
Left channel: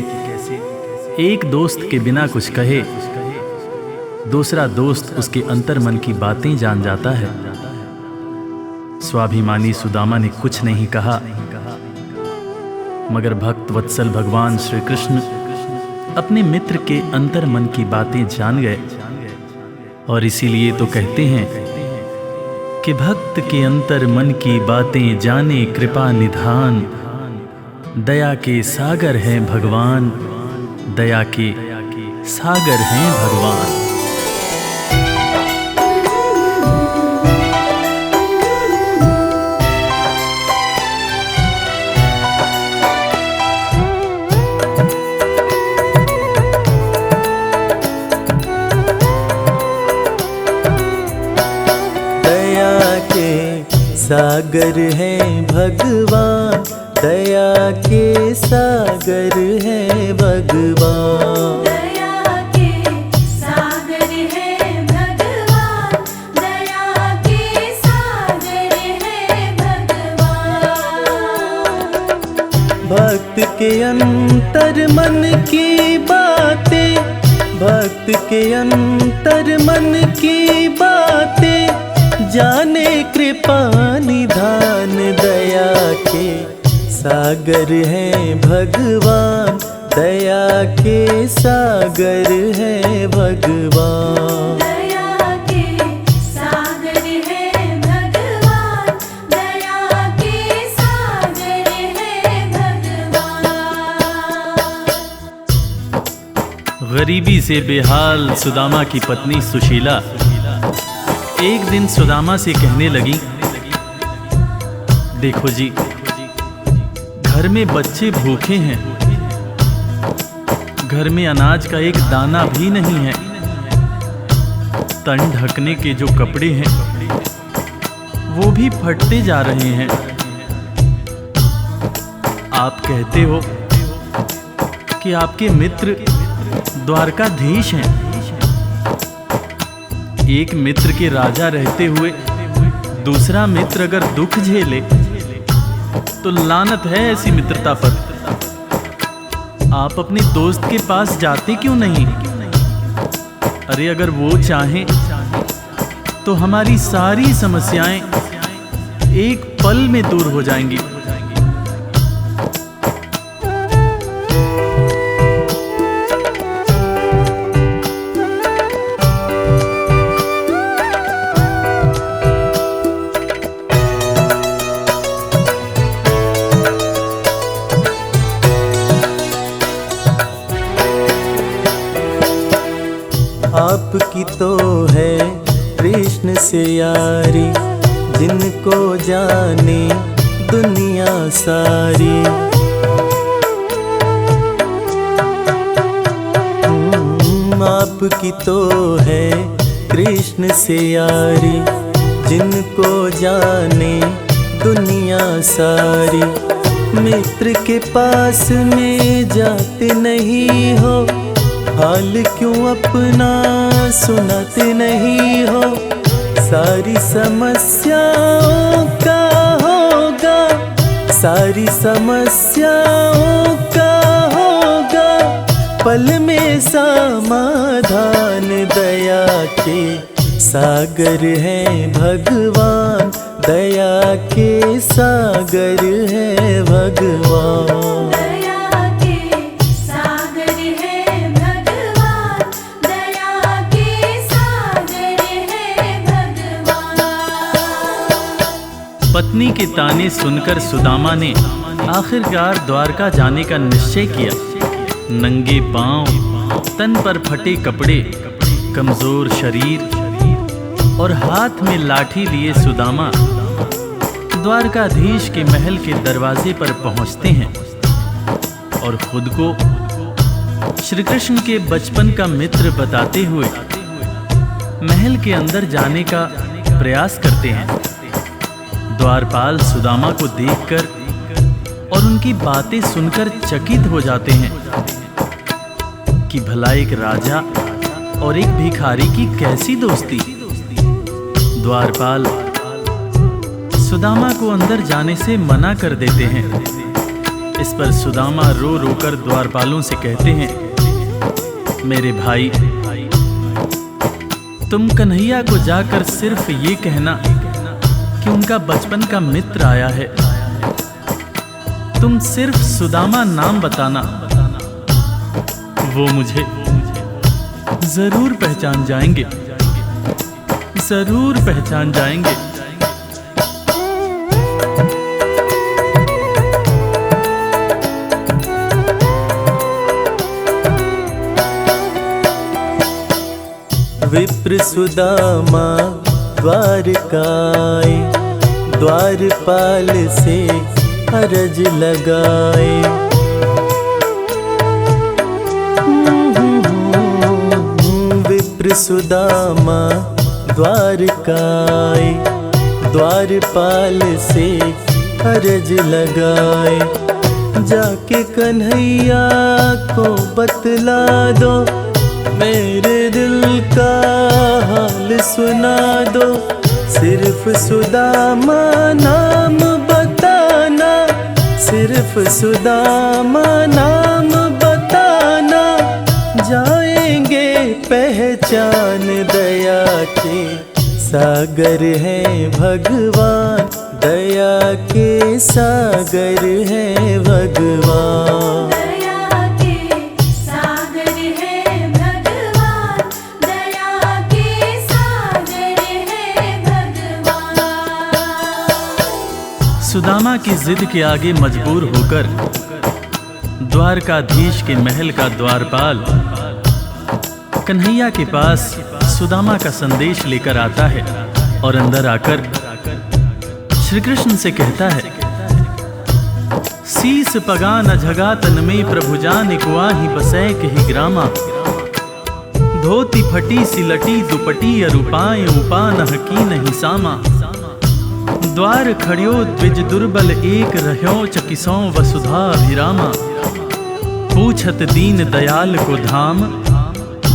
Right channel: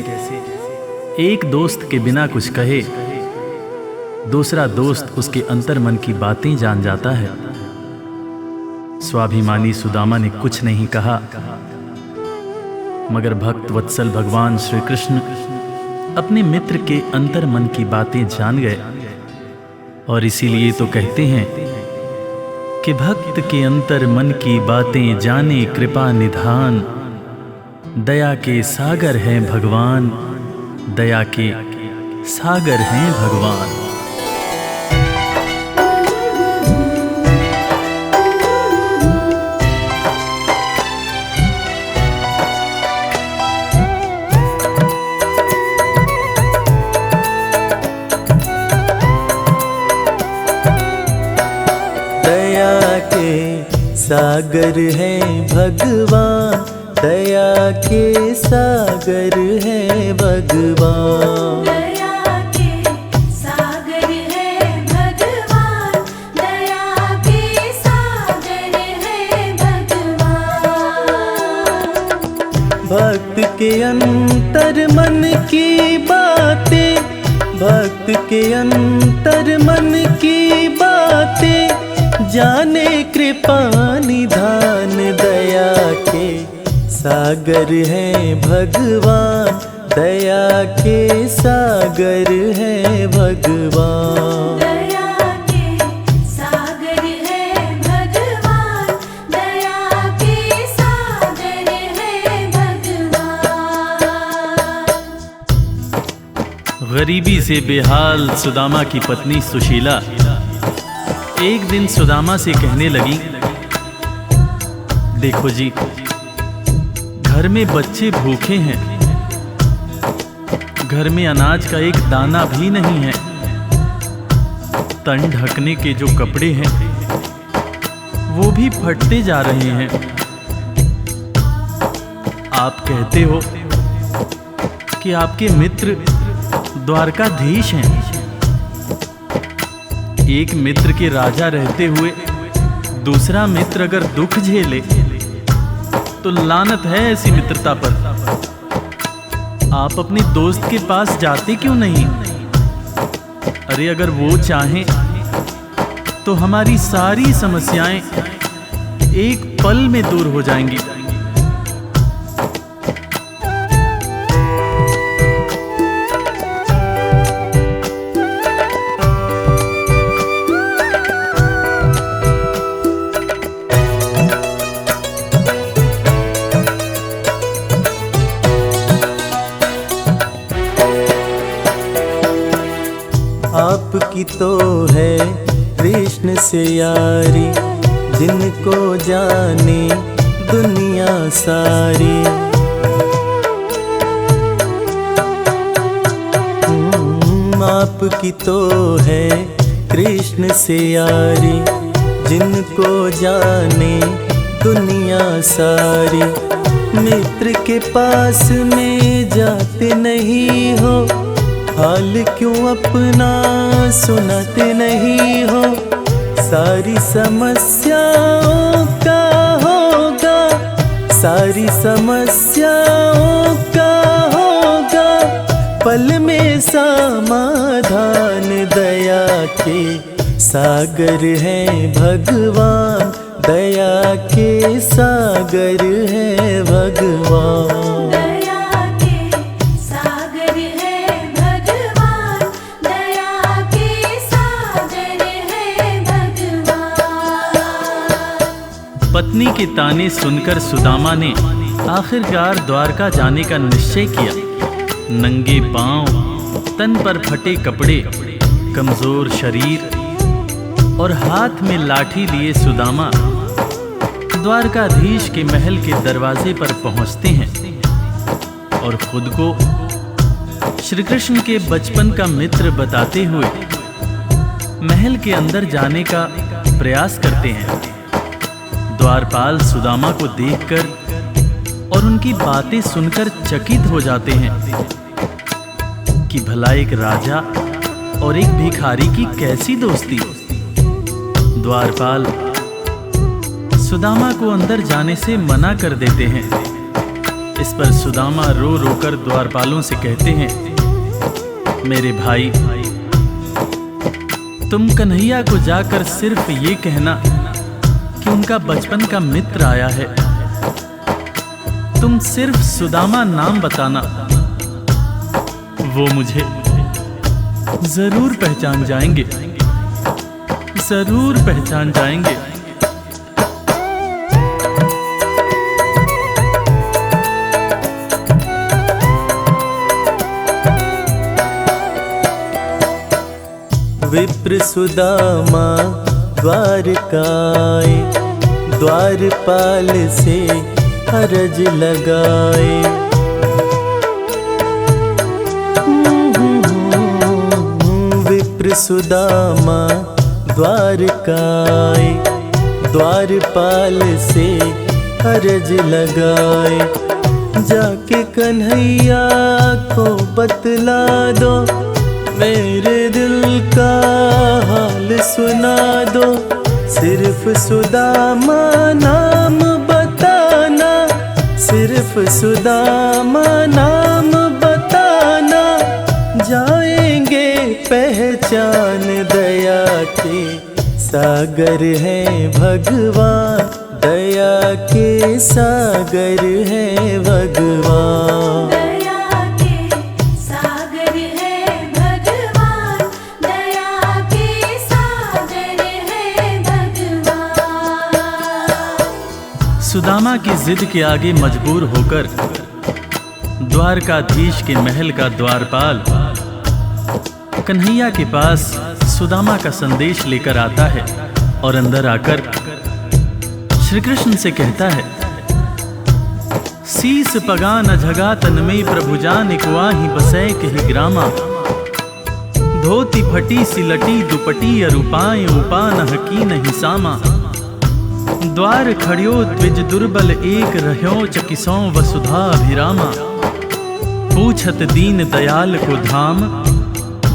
एक दोस्त के बिना कुछ कहे दूसरा दोस्त उसके अंतर्मन की बातें जान जाता है। स्वाभिमानी सुदामा ने कुछ नहीं कहा, मगर भक्त वत्सल भगवान श्री कृष्ण अपने मित्र के अंतर्मन की बातें जान गए। और इसीलिए तो कहते हैं कि भक्त के अंतर्मन की बातें जाने कृपा निधान, दया के सागर हैं भगवान, दया के सागर हैं भगवान। दया के सागर हैं भगवान, दया के सागर हैं भगवान। दया के सागर है भगवान, दया के सागर है भगवान। भक्त के अंतर मन की बातें, भक्त के अंतर मन की बातें जाने कृपा निधान, दया के सागर हैं भगवान, दया के सागर हैं भगवान। दया के सागर है भगवान, दया के सागर है भगवान। गरीबी से बेहाल सुदामा की पत्नी सुशीला एक दिन सुदामा से कहने लगी, देखो जी, घर में बच्चे भूखे हैं, घर में अनाज का एक दाना भी नहीं है, तन ढकने के जो कपड़े हैं वो भी फटते जा रहे हैं। आप कहते हो कि आपके मित्र द्वारकाधीश हैं। एक मित्र के राजा रहते हुए दूसरा मित्र अगर दुख झेले तो लानत है ऐसी मित्रता पर। आप अपने दोस्त के पास जाते क्यों नहीं? अरे अगर वो चाहें तो हमारी सारी समस्याएं एक पल में दूर हो जाएंगी। आपकी तो है कृष्ण से यारी, जिनको जाने दुनिया सारी। आपकी तो है कृष्ण से यारी, जिनको जाने दुनिया सारी। मित्र के पास में जाते नहीं हो, हाल क्यों अपना सुनाते नहीं हो। सारी समस्याओं का होगा, सारी समस्याओं का होगा पल में समाधान। दया के सागर हैं भगवान, दया के सागर हैं भगवान। दया के सागर है भगवान, दया के सागर है भगवान। पत्नी के ताने सुनकर सुदामा ने आखिरकार द्वारका जाने का निश्चय किया। नंगे पांव, तन पर फटे कपड़े, कमजोर शरीर और हाथ में लाठी लिए सुदामा द्वारकाधीश के महल के दरवाजे पर पहुंचते हैं और खुद को श्री कृष्ण के बचपन का मित्र बताते हुए महल के अंदर जाने का प्रयास करते हैं। द्वारपाल सुदामा को देखकर और उनकी बातें सुनकर चकित हो जाते हैं कि भला एक राजा और एक भिखारी की कैसी दोस्ती। द्वारपाल सुदामा को अंदर जाने से मना कर देते हैं। इस पर सुदामा रो रो कर द्वारपालों से कहते हैं, मेरे भाई, तुम कन्हैया को जाकर सिर्फ ये कहना कि उनका बचपन का मित्र आया है। तुम सिर्फ सुदामा नाम बताना, वो मुझे जरूर पहचान जाएंगे, जरूर पहचान जाएंगे। विप्र सुदामा द्वारकाए, द्वारपाल से अरज लगाए। विप्र सुदामा द्वारकाए, द्वारपाल से अरज लगाए। जाके कन्हैया को बतला दो, मेरे दिल का हाल सुना दो। सिर्फ सुदामा नाम बताना, सिर्फ सुदामा नाम बताना। जाएंगे पहचान, दया के सागर हैं भगवान, दया के सागर हैं भगवान। दया के सागर है भगवान, दया के सागर है भगवान। सुदामा की जिद के आगे मजबूर होकर द्वारकाधीश के महल का द्वारपाल कन्हैया के पास सुदामा का संदेश लेकर आता है और अंदर आकर श्री कृष्ण से कहता है, सीस पगा न झगा तन में प्रभु जान कुआही बसै कही ग्रामा। धोती फटी सिलटी दुपटी अरूपाए उपान की नहीं सामा। द्वार खड़ियो द्विज दुर्बल एक रह्यो चकिसों वसुधा अभिरामा। पूछत दीन दयाल को धाम,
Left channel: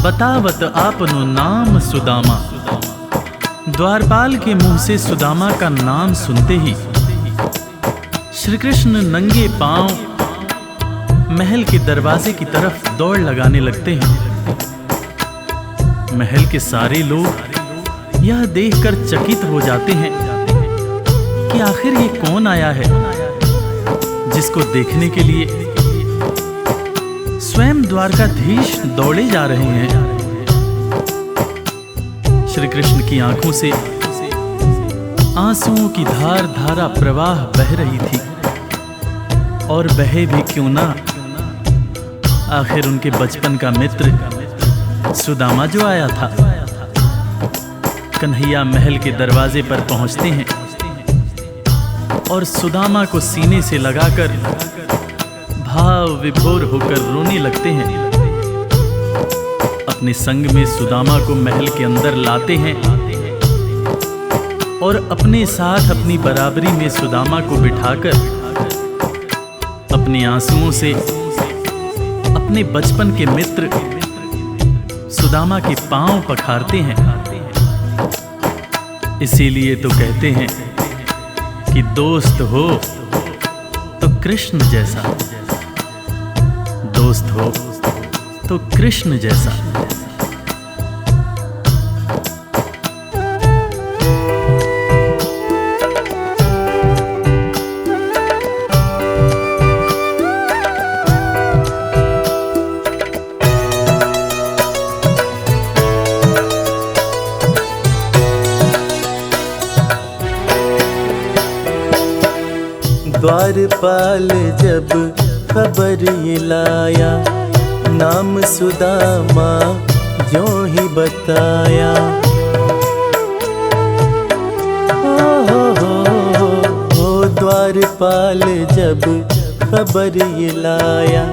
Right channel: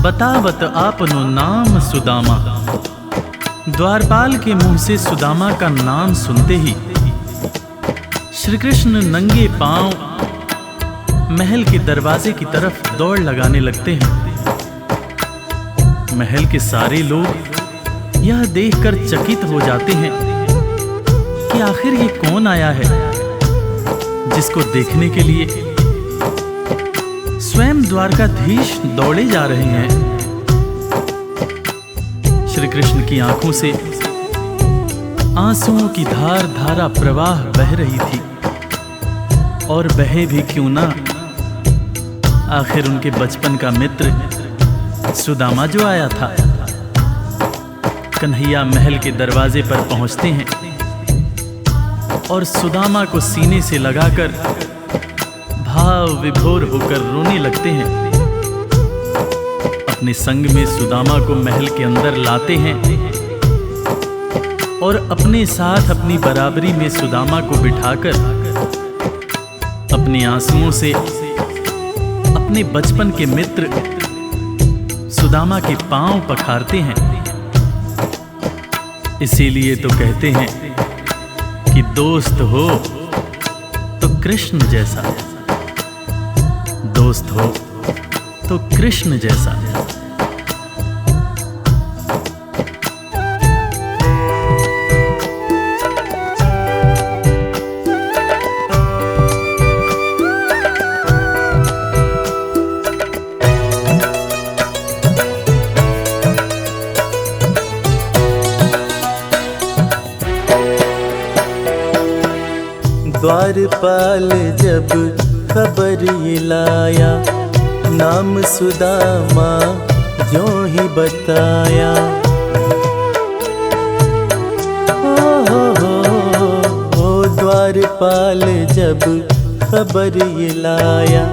बतावत आपनो नाम सुदामा। द्वारपाल के मुंह से सुदामा का नाम सुनते ही श्री कृष्ण नंगे पांव महल के दरवाजे की तरफ दौड़ लगाने लगते हैं। महल के सारे लोग यह देखकर चकित हो जाते हैं कि आखिर ये कौन आया है, जिसको देखने के लिए स्वयं द्वारकाधीश दौड़े जा रहे हैं। श्री कृष्ण की आंखों से आंसुओं की धार धारा प्रवाह बह रही थी, और बहे भी क्यों ना, आखिर उनके बचपन का मित्र सुदामा जो आया था। कन्हैया महल के दरवाजे पर पहुंचते हैं और सुदामा को सीने से लगाकर भाव विभोर होकर रोने लगते हैं। अपने संग में सुदामा को महल के अंदर लाते हैं और अपने साथ अपनी बराबरी में सुदामा को बिठाकर अपने आंसुओं से अपने बचपन के मित्र सुदामा के पांव पखारते हैं। इसीलिए तो कहते हैं कि दोस्त हो तो कृष्ण जैसा, दोस्त हो तो कृष्ण जैसा। द्वारपाल जब खबर ये लाया, नाम सुदामा जो ही बताया। ओ द्वारपाल जब खबर ये लाया,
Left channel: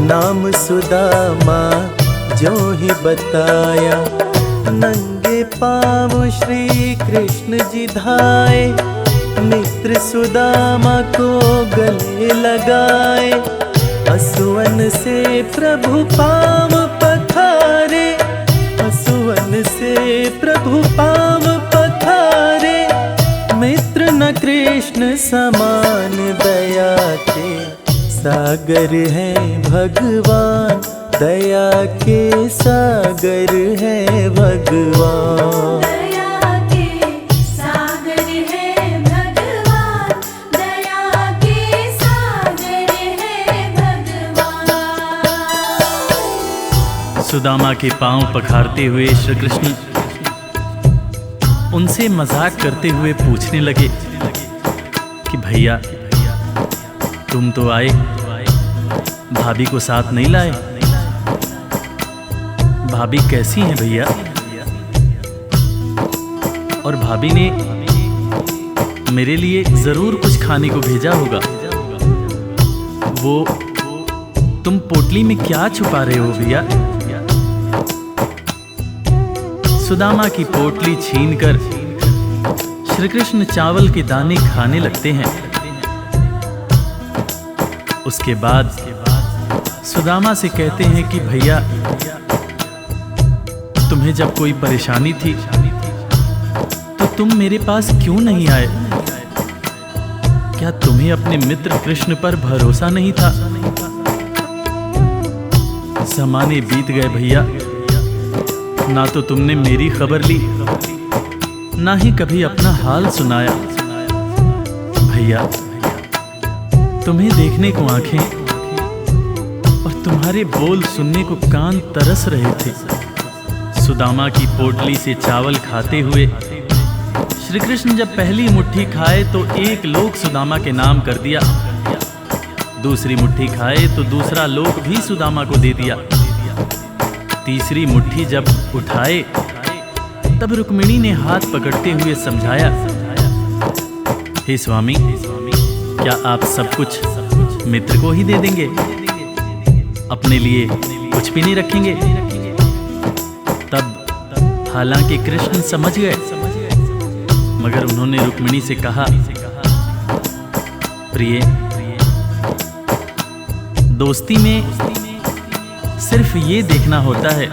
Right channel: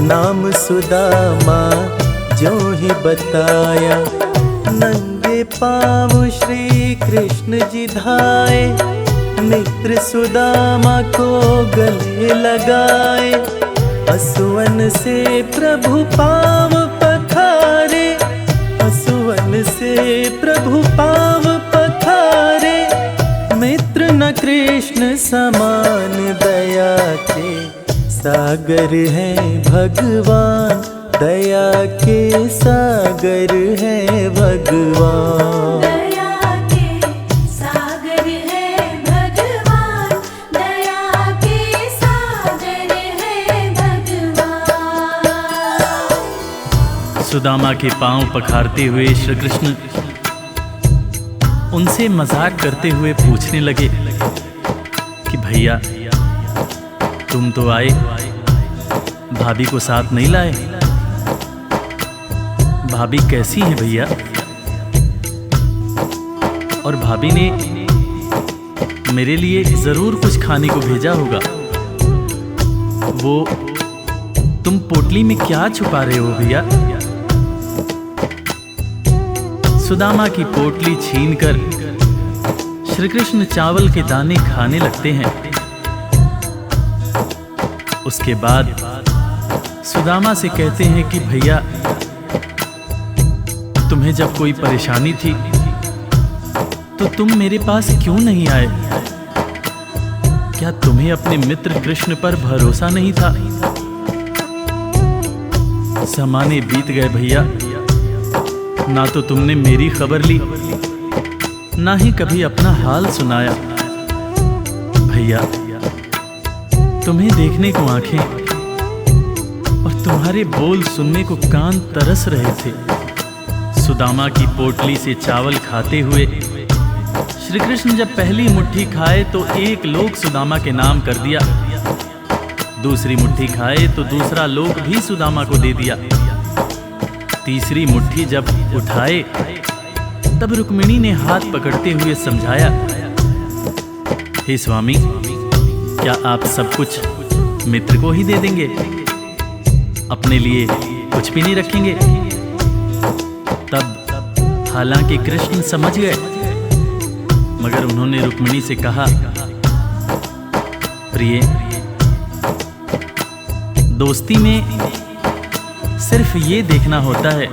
नाम सुदामा जो ही बताया। नंगे पाँव श्री कृष्ण जी धाए, मित्र सुदामा को गले लगाए, असुवन से प्रभु पाँव पखारे, असुवन से प्रभु पाँव पखारे। मित्र न कृष्ण समान दया के सागर हैं भगवान, दया के सागर हैं भगवान। दया के सागर है भगवान, दया के सागर है भगवान। सुदामा के पांव पखारते हुए श्री कृष्ण उनसे मजाक करते हुए पूछने लगे कि भैया तुम तो आए, भाभी को साथ नहीं लाए। भाभी कैसी हैं भैया? और भाभी ने मेरे लिए जरूर कुछ खाने को भेजा होगा। वो तुम पोटली में क्या छुपा रहे हो भैया? सुदामा की पोटली छीनकर श्री कृष्ण चावल के दाने खाने लगते हैं। उसके बाद सुदामा से कहते हैं कि भैया तुम्हें जब कोई परेशानी थी तो तुम मेरे पास क्यों नहीं आए? क्या तुम्हें अपने मित्र कृष्ण पर भरोसा नहीं था? ज़माने बीत गए भैया, ना तो तुमने मेरी खबर ली, ना ही कभी अपना हाल सुनाया। भैया तुम्हें देखने को आंखें और तुम्हारे बोल सुनने को कान तरस रहे थे। सुदामा की पोटली से चावल खाते हुए श्री कृष्ण जब पहली मुट्ठी खाए तो एक लोक सुदामा के नाम कर दिया, दूसरी मुट्ठी खाए तो दूसरा लोक भी सुदामा को दे दिया, तीसरी मुट्ठी जब उठाए तब रुक्मिणी ने हाथ पकड़ते हुए समझाया, हे स्वामी क्या आप सब कुछ मित्र को ही दे देंगे, अपने लिए कुछ भी नहीं रखेंगे? तब हालांकि कृष्ण समझ गए, मगर उन्होंने रुक्मिणी से कहा, प्रिय दोस्ती में सिर्फ ये देखना होता है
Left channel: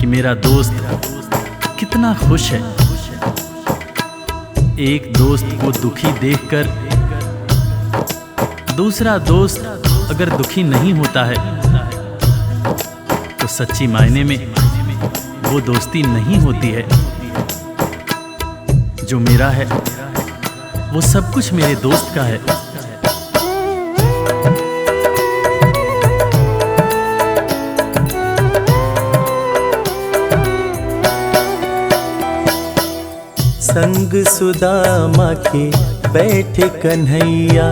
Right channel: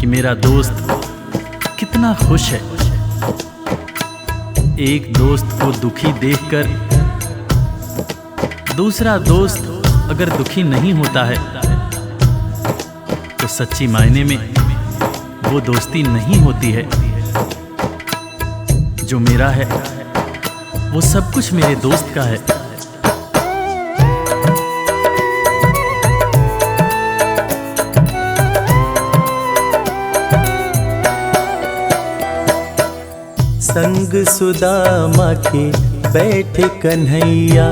कि मेरा दोस्त कितना खुश है। एक दोस्त को दुखी देखकर दूसरा दोस्त अगर दुखी नहीं होता है तो सच्ची मायने में वो दोस्ती नहीं होती है। जो मेरा है वो सब कुछ मेरे दोस्त का है। संग सुदामा के बैठे कन्हैया,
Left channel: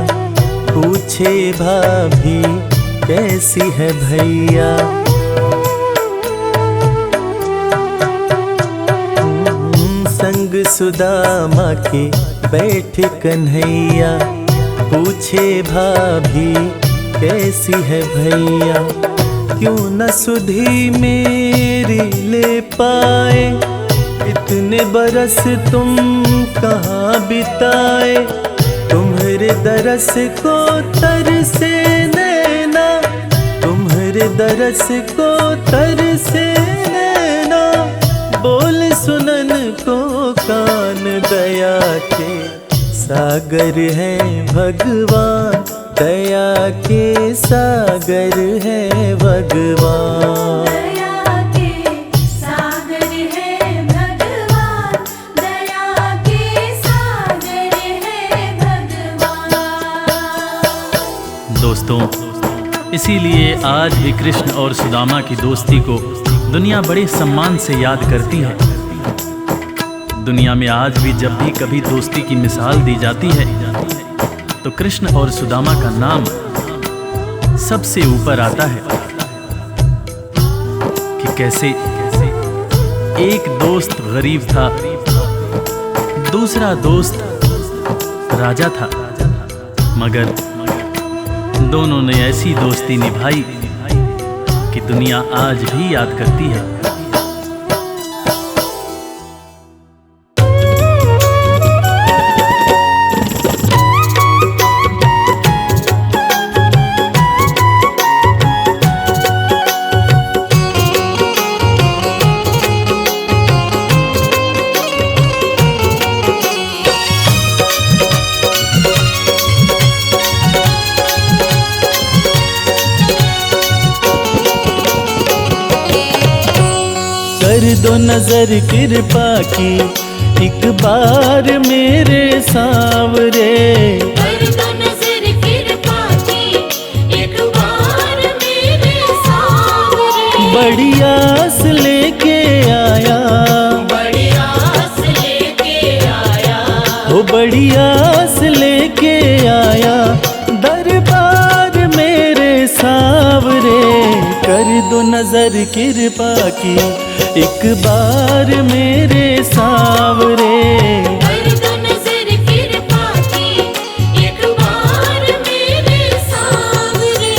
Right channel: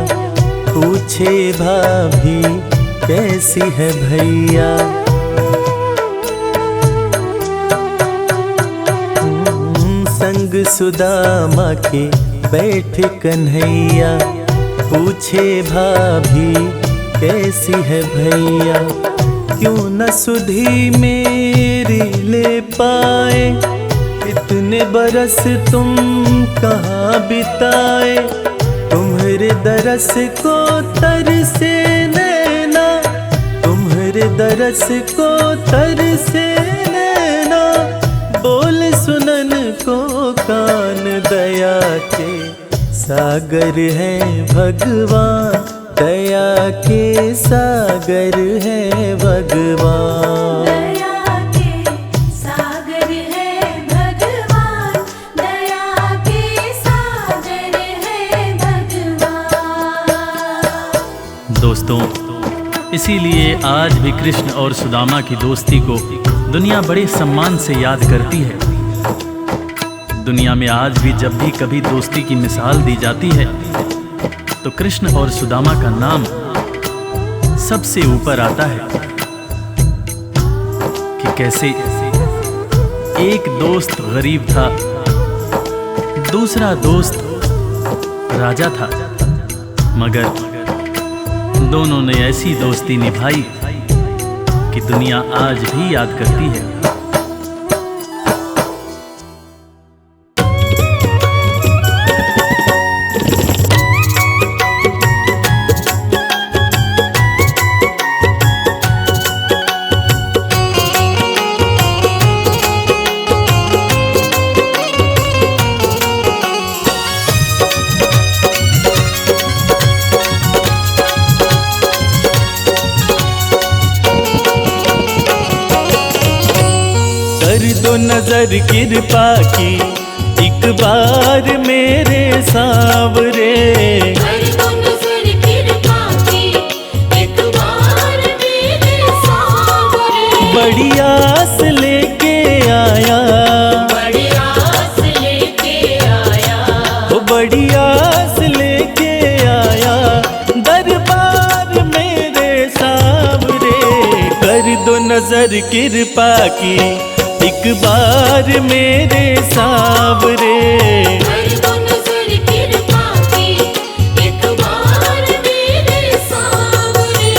पूछे भाभी कैसी है भैया। संग सुदामा के बैठे कन्हैया, पूछे भाभी कैसी है भैया। क्यों न सुधी मेरी ले पाए, इतने बरस तुम कहाँ बिताए। तुम्हारे दरस को तरसे नैना, तुम्हारे दरस को तरसे नैना। बोल सुनन को कान, दया के सागर हैं भगवान, दया के सागर हैं भगवान। दया के सागर है भगवान, दया के सागर है भगवान। दोस्तों, इसीलिए आज भी कृष्ण और सुदामा की दोस्ती को दुनिया बड़े सम्मान से याद करती है। दुनिया में आज भी जब भी कभी दोस्ती की मिसाल दी जाती है तो कृष्ण और सुदामा का नाम सबसे ऊपर आता है कि कैसे एक दोस्त गरीब था, दूसरा दोस्त राजा था, मगर दोनों ने ऐसी दोस्ती निभाई कि दुनिया आज भी याद करती है। दो नजर कृपा की एक बार मेरे सावरे। कर दो नजर कृपा की एक बार मेरे सावरे। बड़ी आस लेके आया, बड़ी आस लेके आया, ओ बड़ी आस लेके आया दरबार मेरे सावरे। कर दो नजर कृपा की एक बार मेरे सावरे। कर दो नजर कृपा की एक बार मेरे सावरे।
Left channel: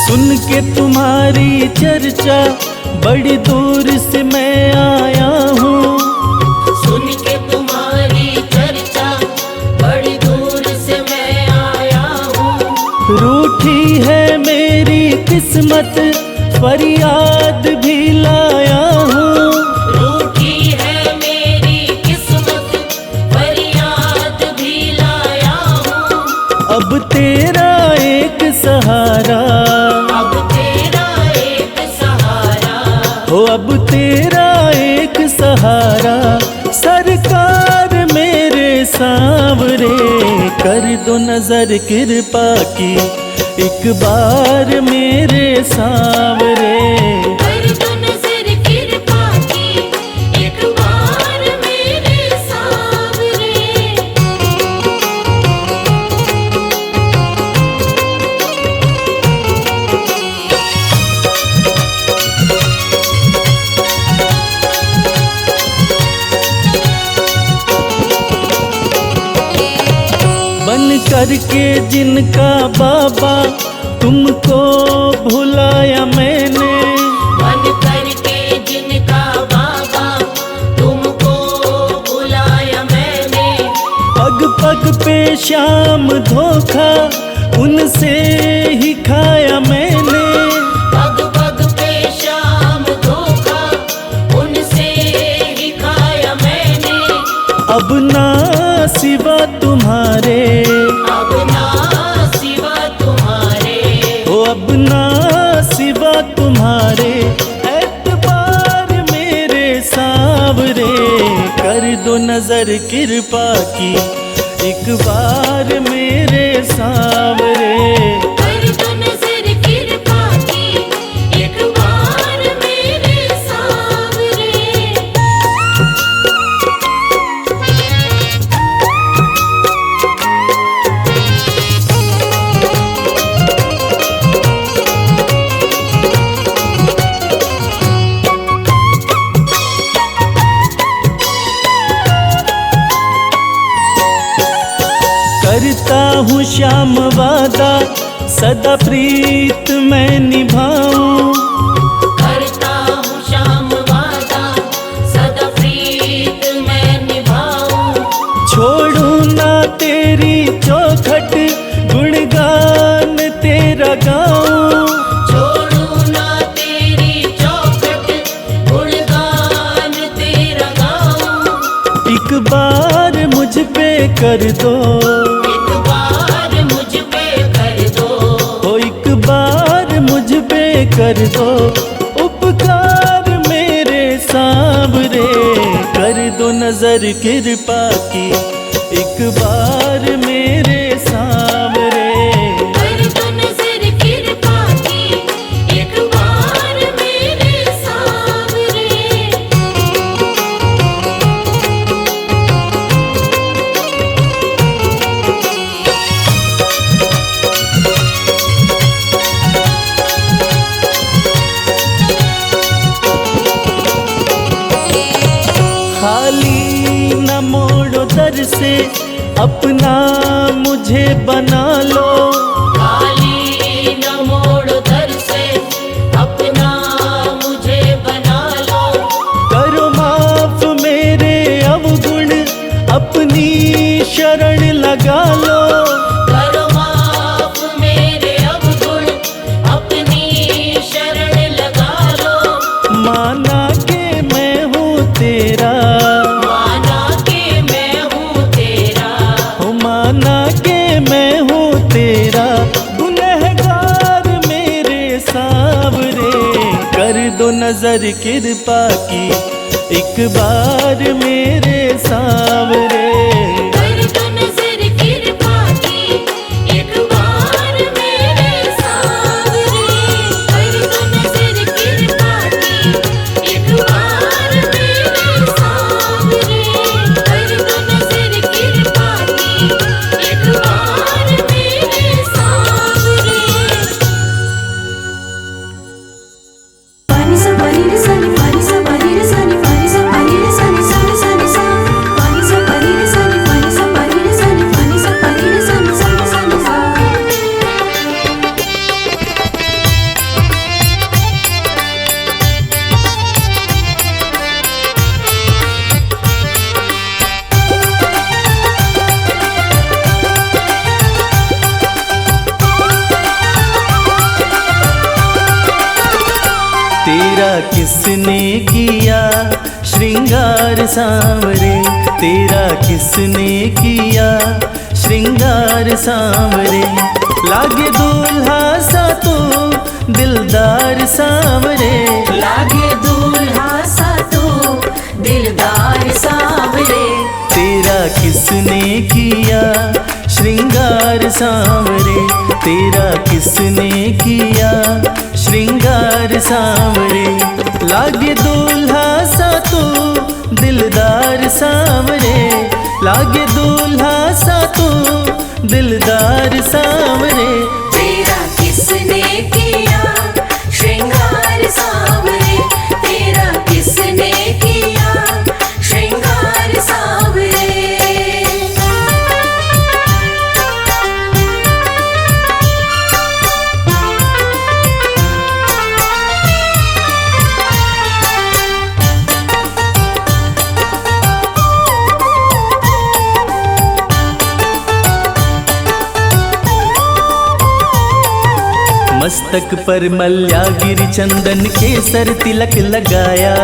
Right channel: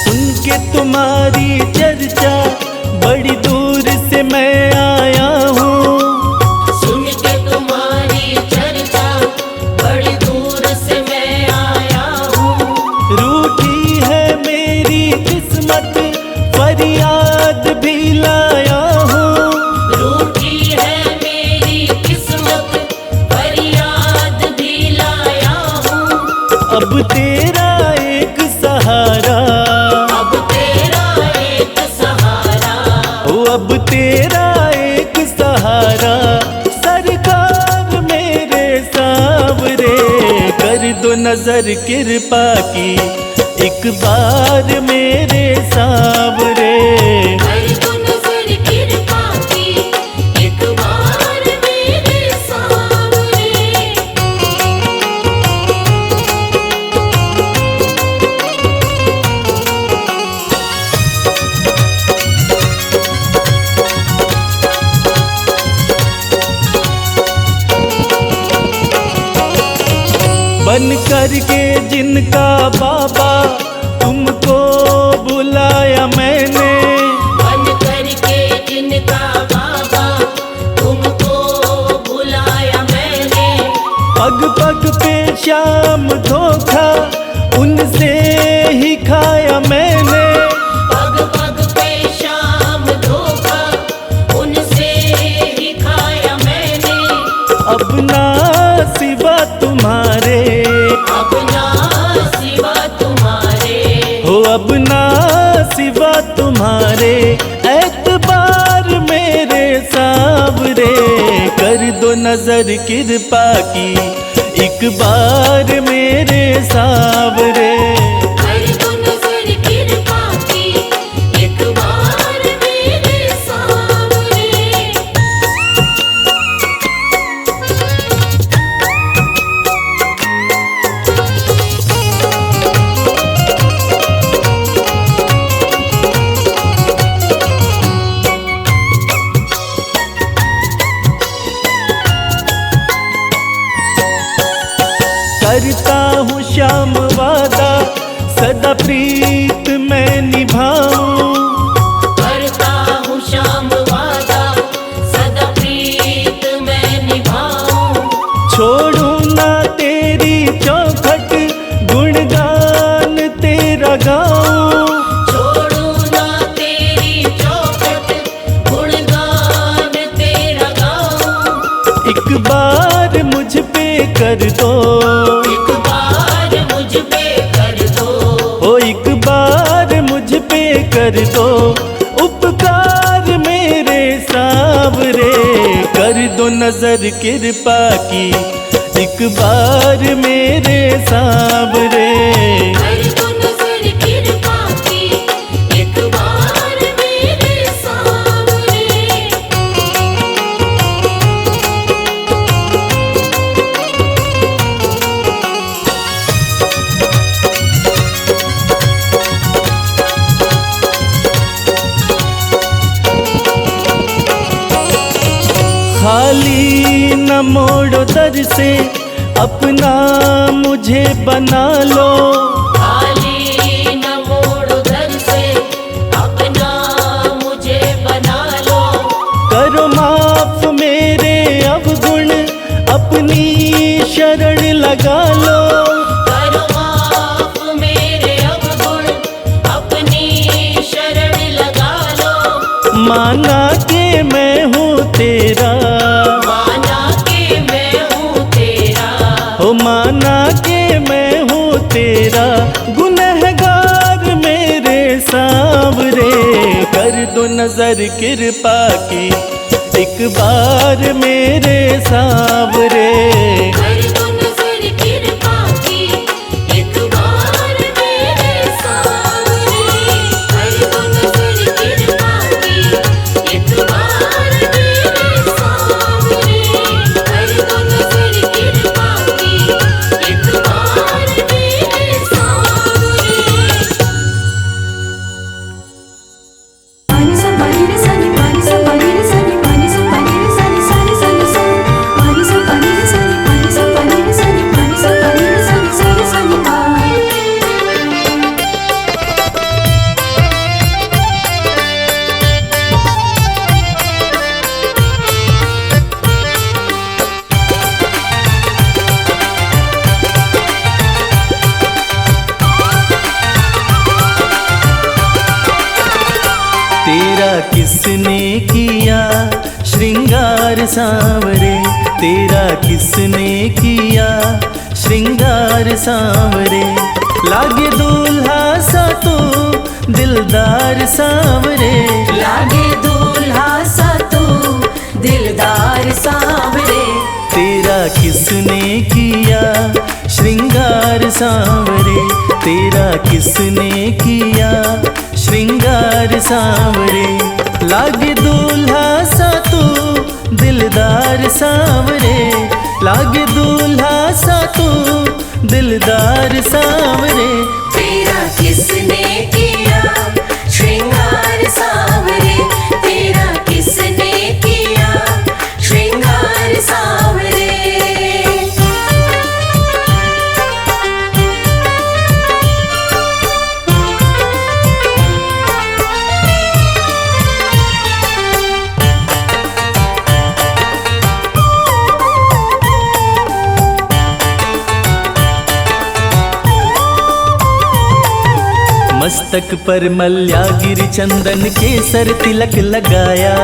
सुन के तुम्हारी चर्चा बड़ी दूर से मैं आया हूँ। सुन के तुम्हारी चर्चा बड़ी दूर से मैं आया हूँ। रूठी है मेरी किस्मत फरियाद भी लाया हूँ। रूठी है मेरी किस्मत फरियाद भी लाया हूँ। अब तेरा एक सहारा, अब तेरा एक सहारा, ओ अब तेरा एक सहारा सरकार मेरे सावरे। कर दो नजर कृपा की एक बार मेरे सावरे। कर दो नजर कृपा की एक बार मेरे सावरे। बन करके जिनका बाबा तुमको भुलाया मैंने। बन करके जिनका बाबा तुमको बुलाया मैंने। पग पग पे शाम धोखा उनसे ही खाया मैंने। पग पग पे शाम धोखा उनसे ही खाया मैंने। अब ना सिवा तुम्हारे, अब ना सिवा तुम्हारे, हो अब ना सिवा तुम्हारे एतबार मेरे सावरे। कर दो नजर कृपा की एक बार मेरे सावरे। कर दो नजर कृपा की एक बार मेरे सावरे। करता हूँ श्याम वादा सदा प्रीत मैं निभाऊं। करता हूँ श्याम वादा सदा प्रीत मैं निभाऊं। छोड़ो ना तेरी चौखट गुणगान तेरा गाऊं। छोड़ू ना तेरी चौखट गुणगान तेरा गाऊं। एक बार मुझ पे कर दो, एक बार मुझ पे कर दो। ओ एक बार मुझ पे कर दो उपकार मेरे सावरे। कर दो नजर कृपा की एक बार मेरे सावरे। कर दो नजर कृपा की एक बार मेरे सावरे। खाली न मोड़ो दर से अपना मुझे बना लो। खाली न मोड़ो दर से अपना मुझे बना लो। करो माफ मेरे अवगुण अपनी शरण लगा लो। करो माफ मेरे अवगुण तेरा, माना के मैं हूँ तेरा, हो माना के मैं हूँ तेरा, गुनहगार मेरे सांवरे, कर दो नजर कृपा की एक बार मेरे सांवरे। कर दो नजर कृपा की एक बार मेरे सांवरे, कर दो नजर कृपा की एक बार मेरे सांवरे, कर दो नजर कृपा की एक बार मेरे सांवरे। तेरा किसने किया श्रृंगार सांवरे, तेरा किसने किया श्रृंगार सांवरे, लागे दूल्हा सा तो दिलदार सांवरे, लागे दूल्हा सा तो दिलदार सांवरे, तेरा किसने किया श्रृंगार सांवरे, तेरा किसने किया श्रृंगार सांवरे, लागे दूल्हा सा तो दिलदार सांवरे, लागे दूल्हा सा तो दिलदार सांवरे। तेरा किसने किया श्रृंगार सांवरे, तेरा किसने किया श्रृंगार सांवरे। मस्तक पर मल्यागिरी चंदन केसर तिलक लगाया,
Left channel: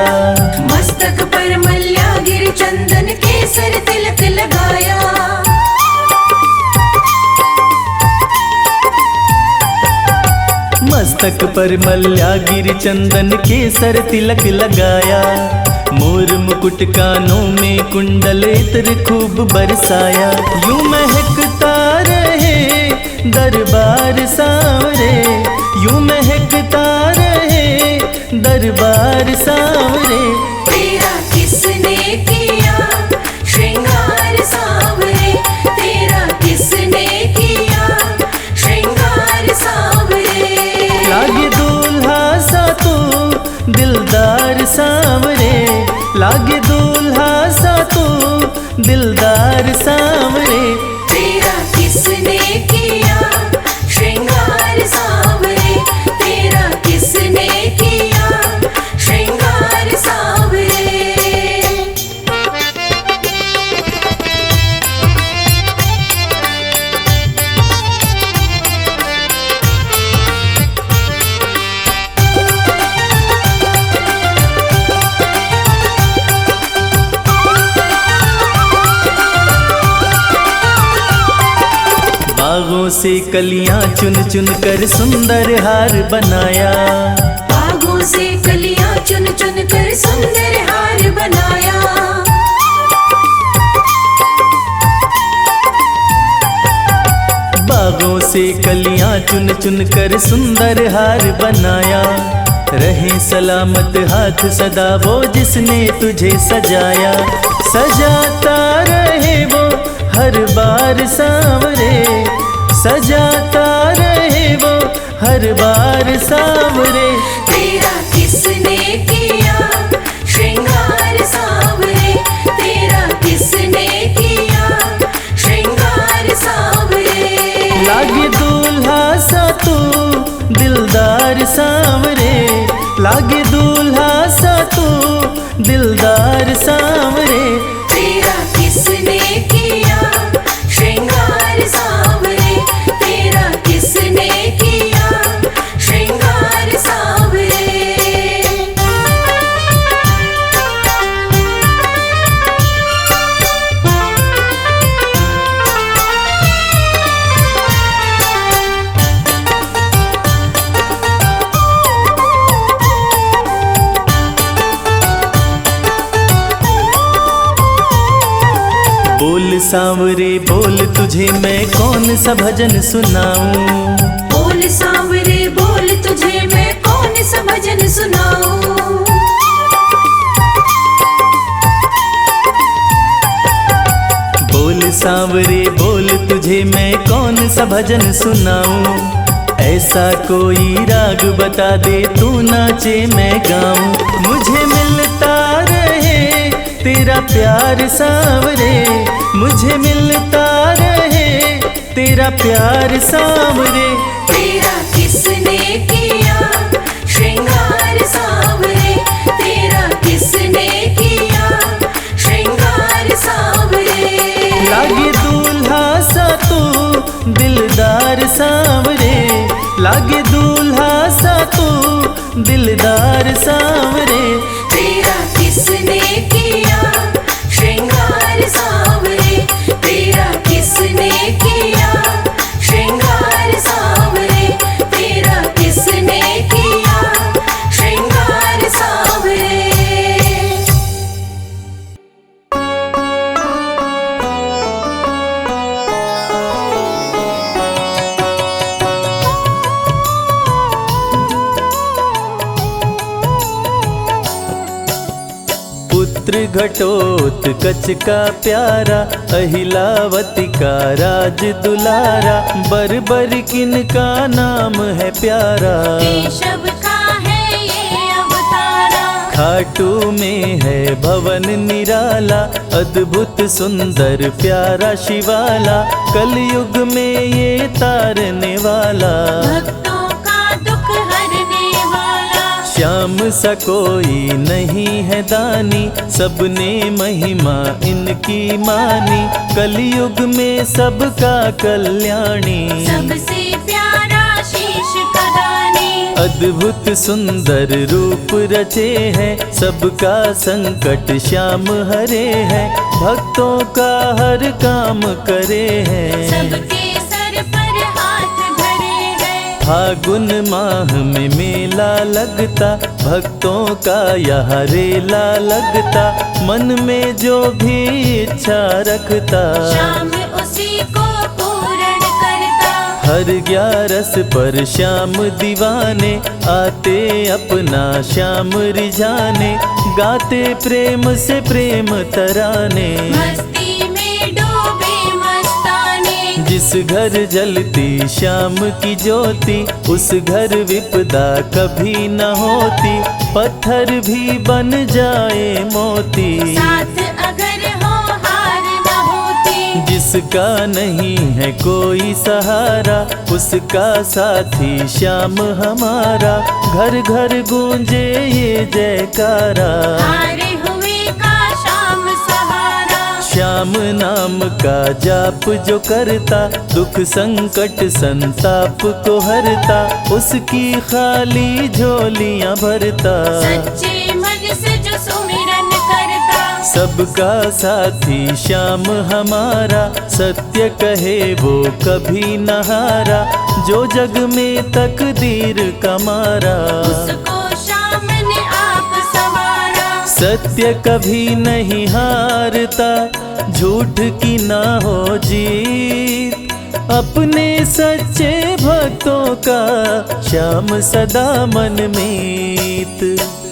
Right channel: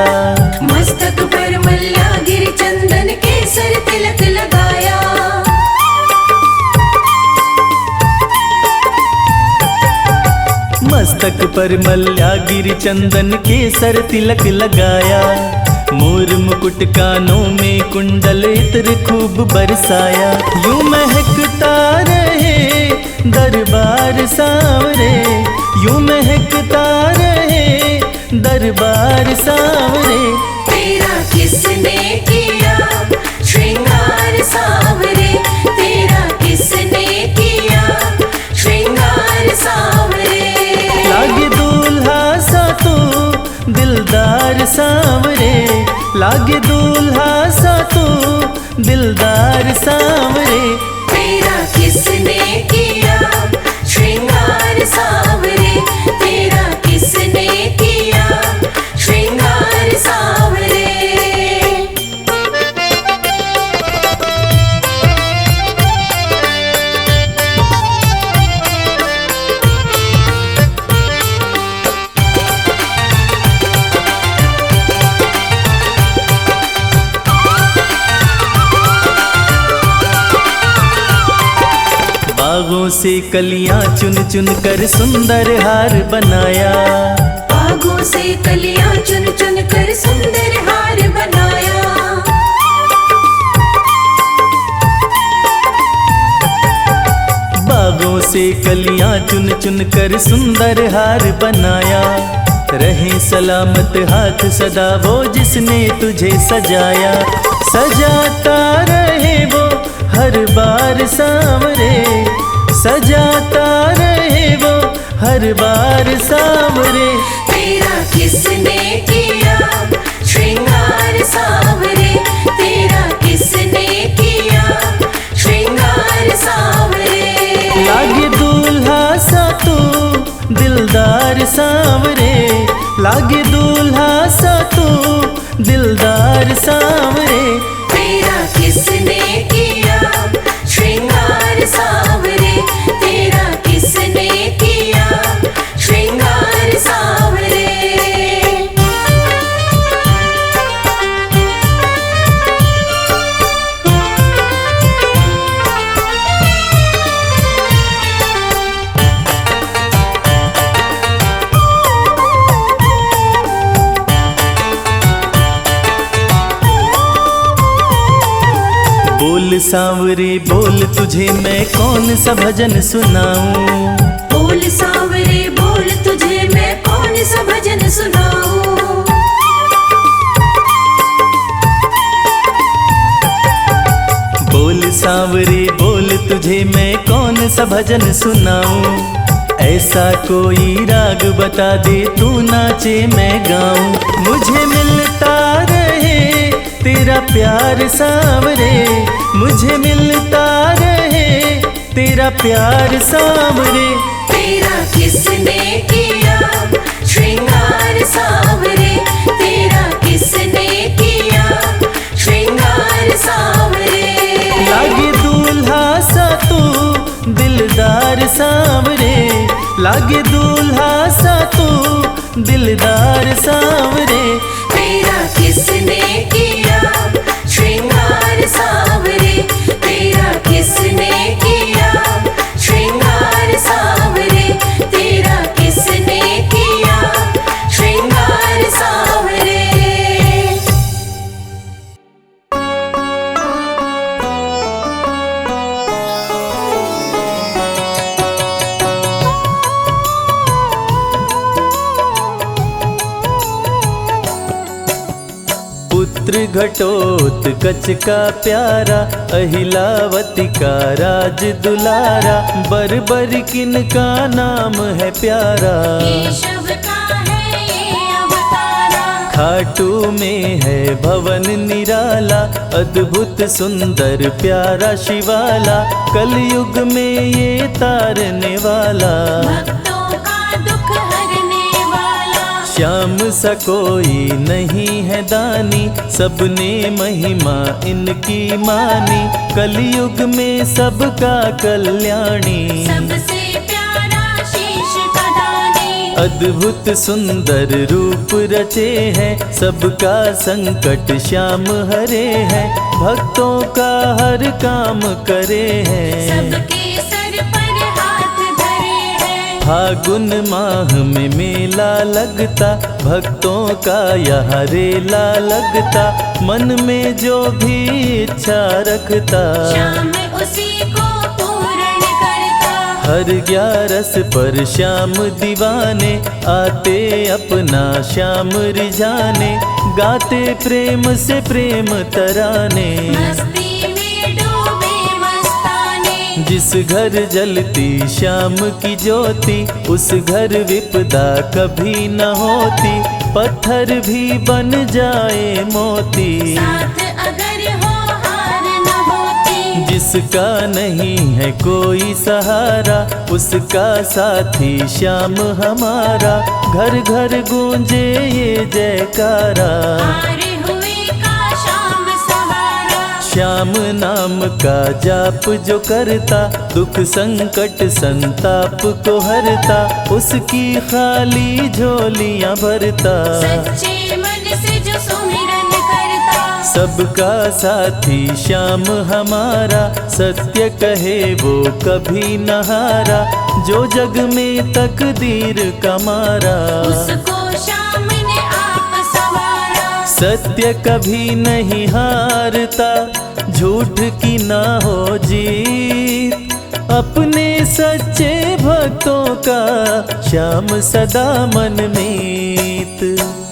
मस्तक पर मल्यागिरी चंदन केसर तिलक लगाया, मस्तक पर मल्यागिरी चंदन केसर तिलक लगाया, मोर मुकुट कानों में कुंडल इत्र खूब बरसाया, यूं महकता रहे दरबार सांवरे, यूं महकता रहे दरबार सांवरे। तेरा किसने किया श्रृंगार सांवरे, तेरा किसने किया श्रृंगार सांवरे, लागे दूल्हा सा तो दिलदार सांवरे, लागे दूल्हा सा तो दिलदार सांवरे। तेरा किसने किया श्रृंगार सांवरे, तेरा किसने किया श्रृंगार सांवरे। बागों से कलियां चुन चुन कर सुंदर हार बनाया, बागों से कलियां चुन चुन कर सुंदर हार बनाया, बागों से कलियां चुन चुन कर सुंदर हार बनाया, रहे सलामत हाथ सदा वो जिसने तुझे सजाया, सजाता रहे वो हर बार सांवरे, सजाता रहे वो हर बार सांवरे। तेरा किसने किया श्रृंगार सांवरे, तेरा किसने किया श्रृंगार सांवरे, लागे दूल्हा सा तो दिलदार सांवरे, लागे दूल्हा सा तो दिलदार सांवरे। तेरा किसने किया श्रृंगार सांवरे, तेरा किसने किया श्रृंगार सांवरे। बोल सांवरे बोल, तुझे मैं कौन सा भजन सुनाऊं। बोल सांवरे बोल, तुझे मैं कौन सा भजन सुनाऊं। बोल सांवरे बोल, तुझे मैं कौन सा भजन सुनाऊं। ऐसा कोई राग बता दे, तू नाचे मैं गाऊं। मुझे मिलता रहे तेरा प्यार सांवरे, मुझे मिलता रहे तेरा प्यार सांवरे। तेरा किसने किया श्रृंगार सांवरे, तेरा किसने किया श्रृंगार सांवरे। लागे दूल्हा सा तू दिलदार सांवरे, लागे दूल्हा सा तू दिलदार सांवरे। तेरा किसने किया श्रृंगार सांवरे, तेरा किसने किया श्रृंगार सांवरे, तेरा किसने किया श्रृंगार सांवरे। पुत्र घटोत्कच का प्यारा, अहिलावती का राज दुलारा। बरबर किन का नाम है प्यारा, केशव का है ये अवतारा। खाटू में है भवन निराला, अद्भुत सुंदर प्यारा शिवाला। कलयुग में ये तारने वाला, भक्तों का दुख हरने वाला। श्याम सा कोई नहीं है दानी, सबने महिमा इनकी मानी। कलयुग में सबका कल्याणी, सबसे प्यारा शीश का दानी। अद्भुत सुंदर रूप रचे हैं, सबका संकट श्याम हरे हैं। भक्तों का हर काम करे हैं, सबके सर पर हाथ धरे हैं। फागुन माह में मेला लगता, भक्तों का यहाँ रेला लगता। मन में जो भी इच्छा रखता, श्याम उसी को पूर्ण करता। हर 11 पर श्याम दीवाने, आते अपना श्याम रिझाने। गाते प्रेम से प्रेम तराने, मस्ती में डूबे मस्ताने। जिस घर जलती श्याम की ज्योति, उस घर विपदा कभी न होती। पत्थर भी बन जाए मोती, साथ अगर हो हार न होती। जिसका नहीं है कोई सहारा, उसका साथी श्याम हमारा। घर घर गूंजे ये जयकारा, हारे हुए का श्याम सहारा। श्याम नाम का जाप जो करता, दुख संकट संताप को हरता। उसकी खाली झोलियां भरता, सच्चे मन से जो सुमिरन करता। सबका साथी श्याम हमारा। सत्य कहे वो कभी न हारा, जो जग में तकदीर का मारा। उसको श्याम ने आप संवारा। सत्य कभी नहीं हारता, झूठ की ना हो जीत। अपने सच्चे भक्तों का श्याम सदा मन मीत।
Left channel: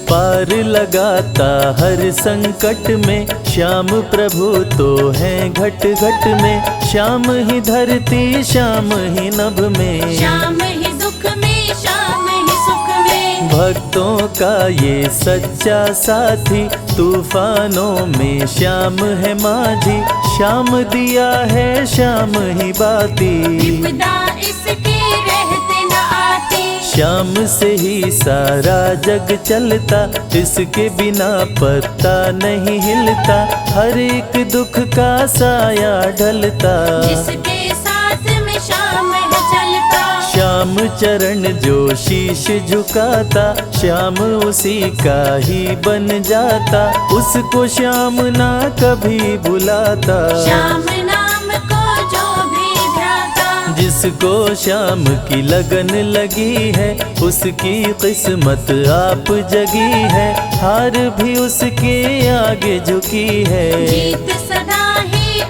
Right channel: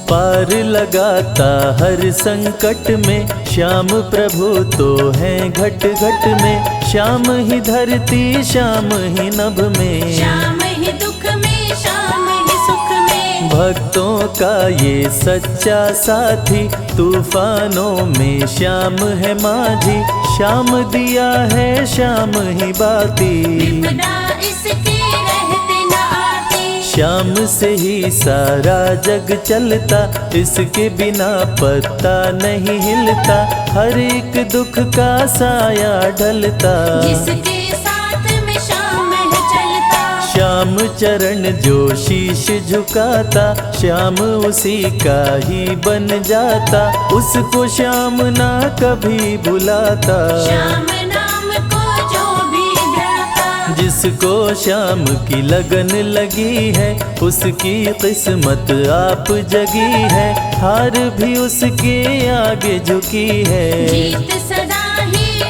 पार लगाता हर संकट में, श्याम प्रभु तो हैं घट घट में। श्याम ही धरती श्याम ही नभ में, श्याम ही दुख में श्याम ही सुख में। भक्तों का ये सच्चा साथी। तूफानों में श्याम है माझी, श्याम दिया है श्याम ही बाती। विपदा इसके रहते न आती। श्याम से ही सारा जग चलता, इसके बिना पत्ता नहीं हिलता। हर एक दुख का साया ढलता, जिसके साथ में श्याम है चलता। श्याम चरण जो शीश झुकाता, श्याम उसी का ही बन जाता। उसको श्याम ना कभी भुलाता, श्याम नाम को जो भी ध्याता। जिसको श्याम की लगन लगी है, उसकी किस्मत आप जगी है। हार भी उसके आगे झुकी है, जीत सदा ही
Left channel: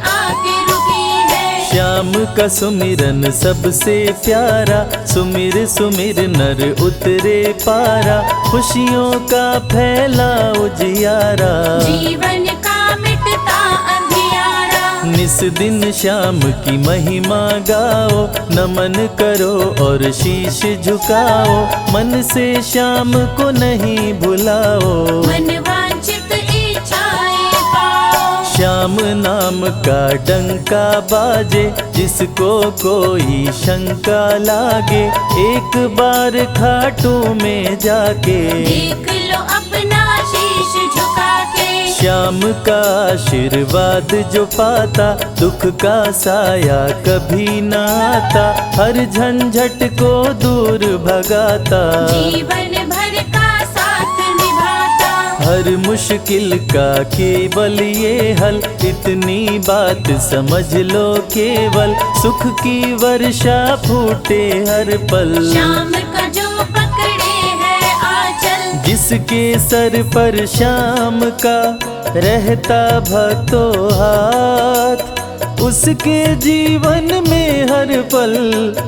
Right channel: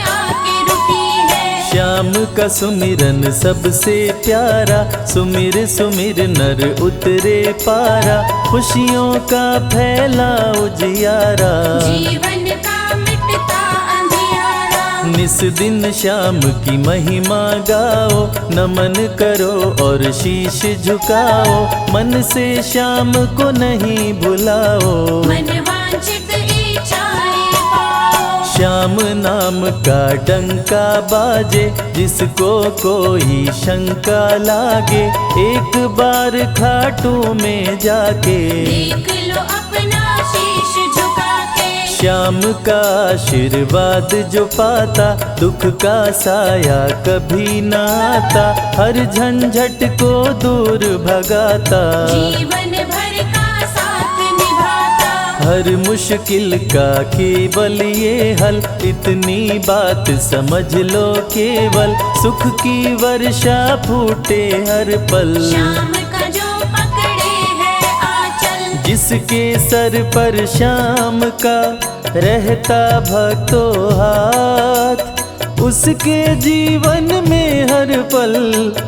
श्याम का सुमिरन सबसे प्यारा, सुमिर सुमिर नर उतरे पारा, खुशियों का फैला उजियारा। जीवन का मिटता अंधियारा, निस दिन श्याम की महिमा गाओ, नमन करो और शीश झुकाओ, मन से श्याम को नहीं भुलाओ। मनवांछित इच्छाएं पाओ, श्याम नाम का डंका बाजे, जिसको कोई शंका लागे, एक बार खाटू में जाके देख लो अपना शीश झुका के। श्याम का आशीर्वाद जो पाता, दुख का साया कभी न आता, हर झंझट को दूर भगाता, जीवन भर का साथ निभाता। हर मुश्किल का केवल ये हल, इतनी बात समझ लो केवल, सुख की वर्षा फूटे हर पल। श्याम का जो पकड़े है आंचल, जिसके सर पर श्याम का रहता भक्तों हाथ, उसके जीवन में हर पल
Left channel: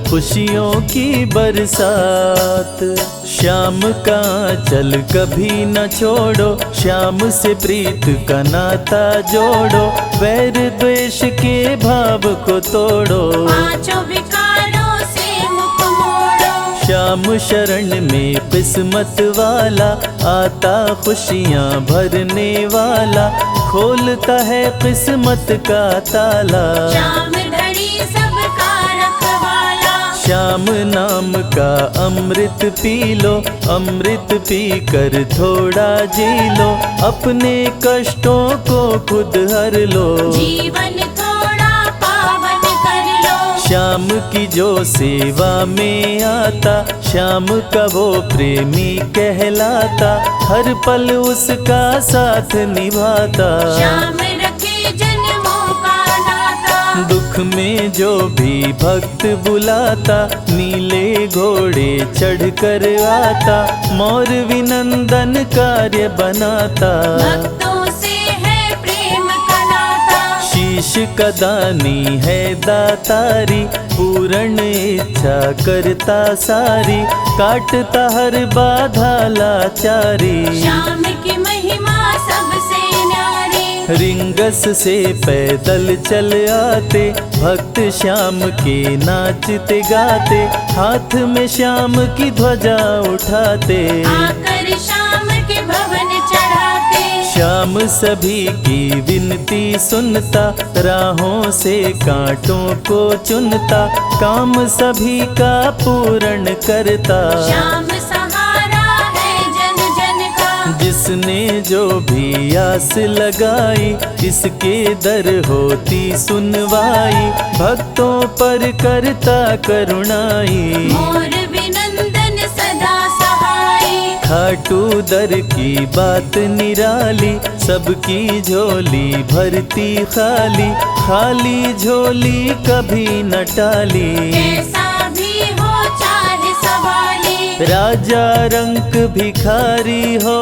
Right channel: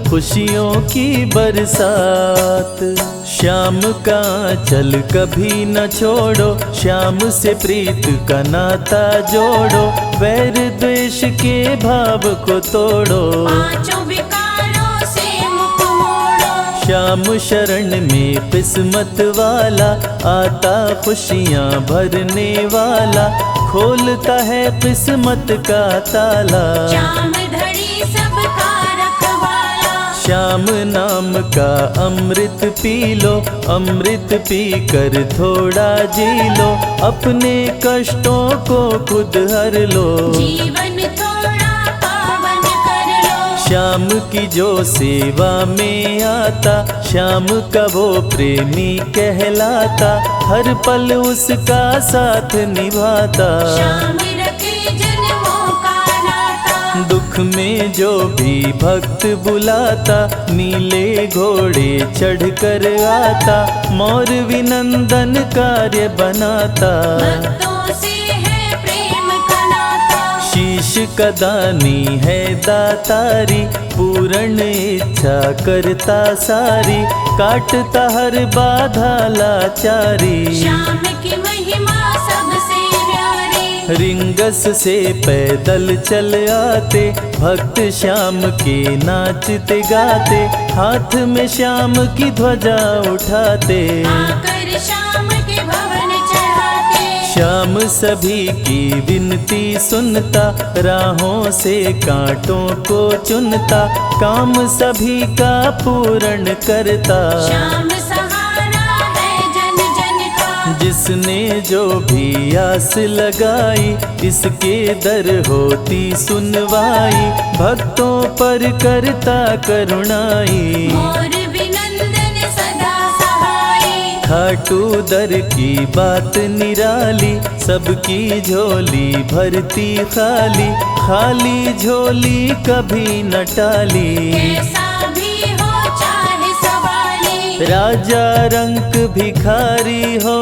खुशियों की बरसात। श्याम का आंचल कभी न छोड़ो, श्याम से प्रीत का नाता जोड़ो, वैर द्वेष के भाव को तोड़ो, पांचों विकारों से मुख मोड़ो। श्याम शरण में किस्मत वाला, आता खुशियाँ भरने वाला, खोलता है किस्मत का ताला। श्याम धड़ी सबका रखवाला, श्याम नाम का अमृत पी लो, अमृत पी कर थोड़ा जी लो, अपने कष्टों को खुद हर लो। जीवन थोड़ा पावन कर लो। श्याम की जो सेवा में आता, श्याम का वो प्रेमी कहलाता, हर पल उसका साथ निभाता। श्याम रखे जन्मों का नाता, दुख में जो भी भक्त बुलाता, नीले घोड़े चढ़ कर आता, मोर विनंदन कार्य बनाता। भक्तों से है प्रेम का नाता, शीश का दानी है दातारी, पूर्ण इच्छा करता सारी, काटता हर बाधा लाचारी। श्याम की महिमा सबसे न्यारी, रिंगस से पैदल चल आते, भक्त श्याम के नाचते गाते, हाथ में श्याम की ध्वजा उठाते, आकर श्याम के भवन चढ़ाते। श्याम सभी की विनती सुनता, राहों से कांटों को चुनता, काम सभी का पूर्ण करता। श्याम सहारा है जन जन का, जिसने जो भी आस लगाई, इसके दर होती सुनवाई, भक्तों पर करता करुणाई। मोर विनंदन सदा सहाय, खाटू दर की बात निराली, सबकी झोली भरती खाली, खाली झोली कभी न टाली। ऐसा भी हो चाहे सवाली, राजा रंक भिखारी हो,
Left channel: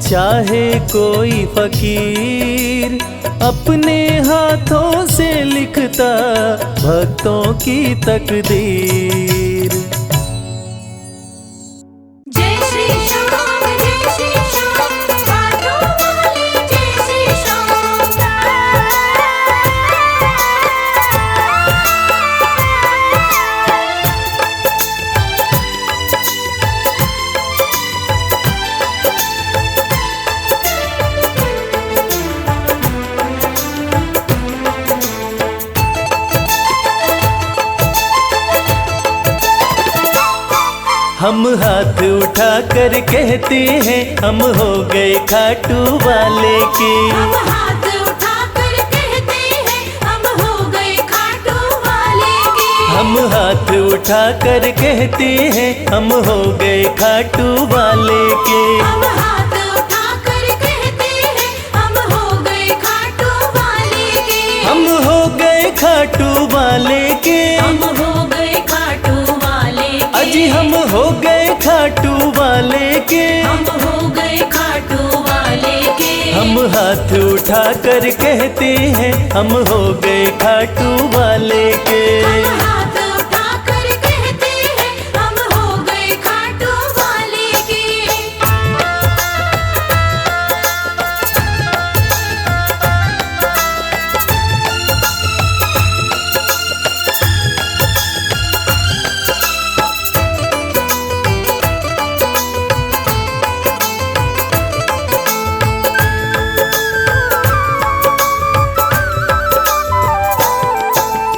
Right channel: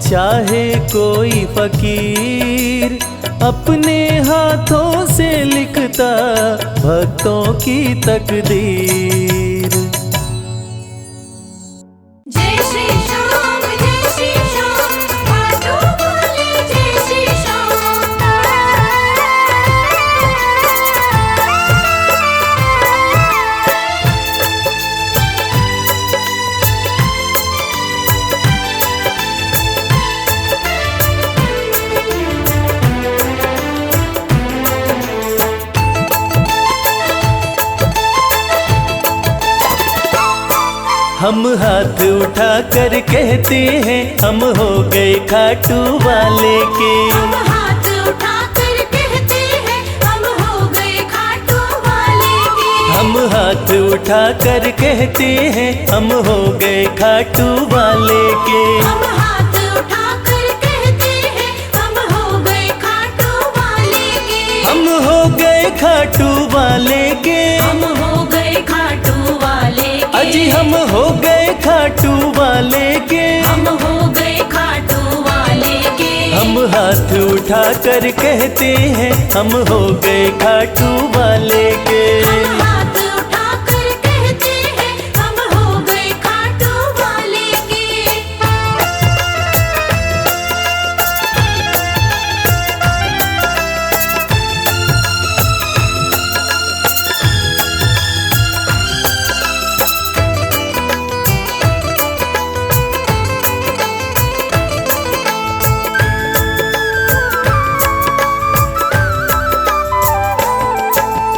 चाहे कोई फकीर, अपने हाथों से लिखता भक्तों की तकदीर। जय श्री श्याम खाटू वाले, जय श्री श्याम। हम हाथ उठा कर कहते हैं, हम हो गए खाटू वाले के। हम हाथ उठाकर कहते हैं, हम हो गए खाटू वाले के। हम हाथ उठा कर कहते हैं, हम हो गए खाटू वाले के। हम हाथ उठाकर कहते हैं, हम हो गए खाटू वाले के। हम हो गए खाटू वाले के। हम हो गए खाटू वाले के। अजी हम हो गए खाटू वाले के। हम हो गए खाटू वाले के। हम हम हाथ उठा कर कहते हैं हम हो गए खाटू वाले के। हाथ उठा कर कहते हैं हम हो गए खाटू वाले के।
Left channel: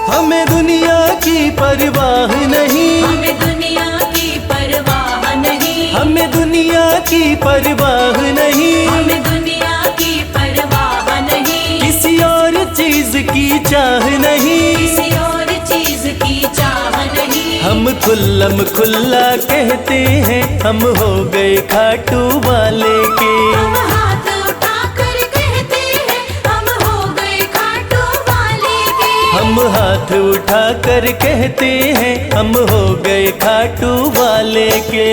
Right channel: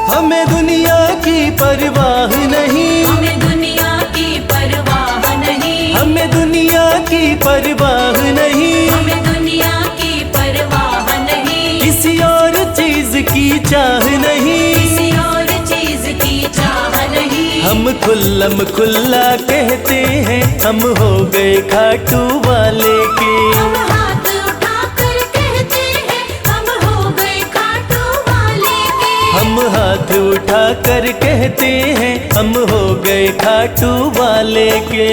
हमें दुनिया की परवाह नहीं, हमें दुनिया की परवाह नहीं, हमें दुनिया की परवाह नहीं, हमें दुनिया की परवाह नहीं, किसी और चीज की चाह नहीं। किसी और चीज की चाह नहीं। हम खुल्लम खुल्ला कहते हैं हम हो गए खाटू वाले के। हम हाथ उठा कर कहते हैं हम हो गए खाटू वाले के। हम हाथ उठा कर कहते हैं हम हो गए खाटू वाले के।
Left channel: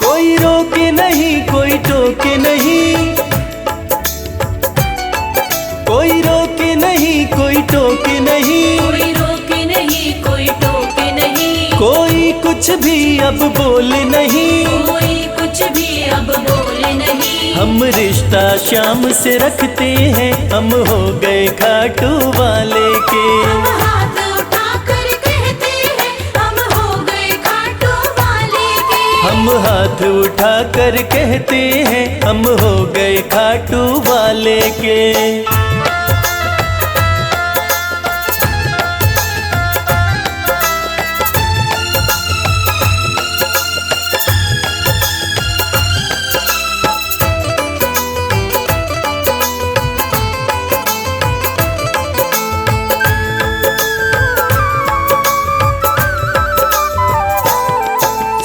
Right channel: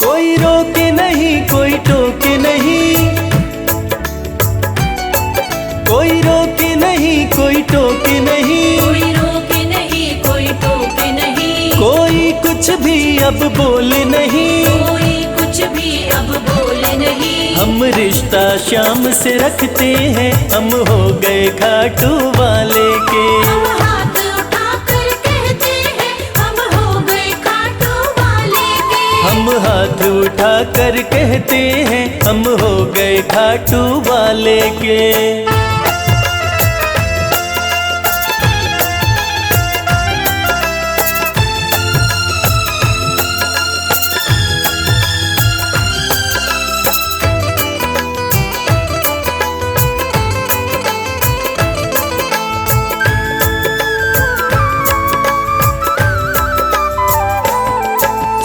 कोई रोके नहीं कोई टोके नहीं, कोई रोके नहीं कोई टोके नहीं, कोई रोके नहीं कोई टोके नहीं, कोई कुछ भी अब बोले नहीं। कोई कुछ भी अब बोले नहीं। हम रिश्ता शाम से रखते हैं हम हो गए खाटू वाले के। हम हाथ उठा कर कहते हैं हम हो गए खाटू वाले के। हम हाथ उठा कर कहते हैं हम हो गए खाटू वाले के।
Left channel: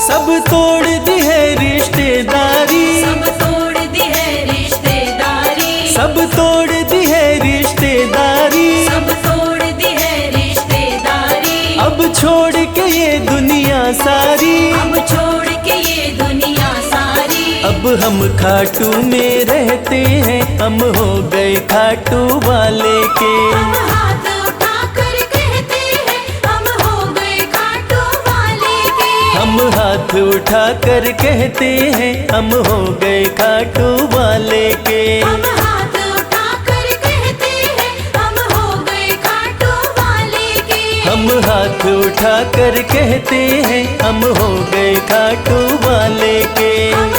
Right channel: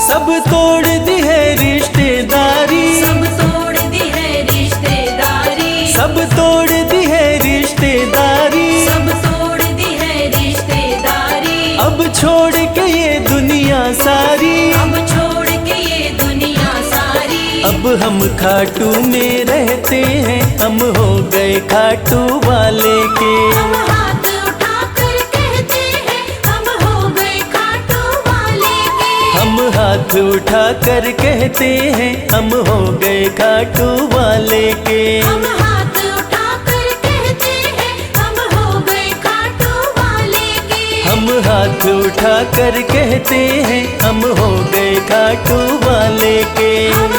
सब तोड़ दी है रिश्तेदारी, सब तोड़ दी है रिश्तेदारी, सब तोड़ दी है रिश्तेदारी। सब तोड़ दी है रिश्तेदारी। अब छोड़ के ये दुनिया सारी, अब छोड़ के ये दुनिया सारी। अब हम खाटू में रहते हैं हम हो गए खाटू वाले के। हम हाथ उठा कर कहते हैं हम हो गए खाटू वाले के। हम हाथ उठा कर कहते हैं हम हो गए खाटू वाले के। हम हाथ उठा कर कहते हैं हम हो गए खाटू वाले के। हम हाथ उठा कर कहते हैं हम हो गए खाटू वाले के। हम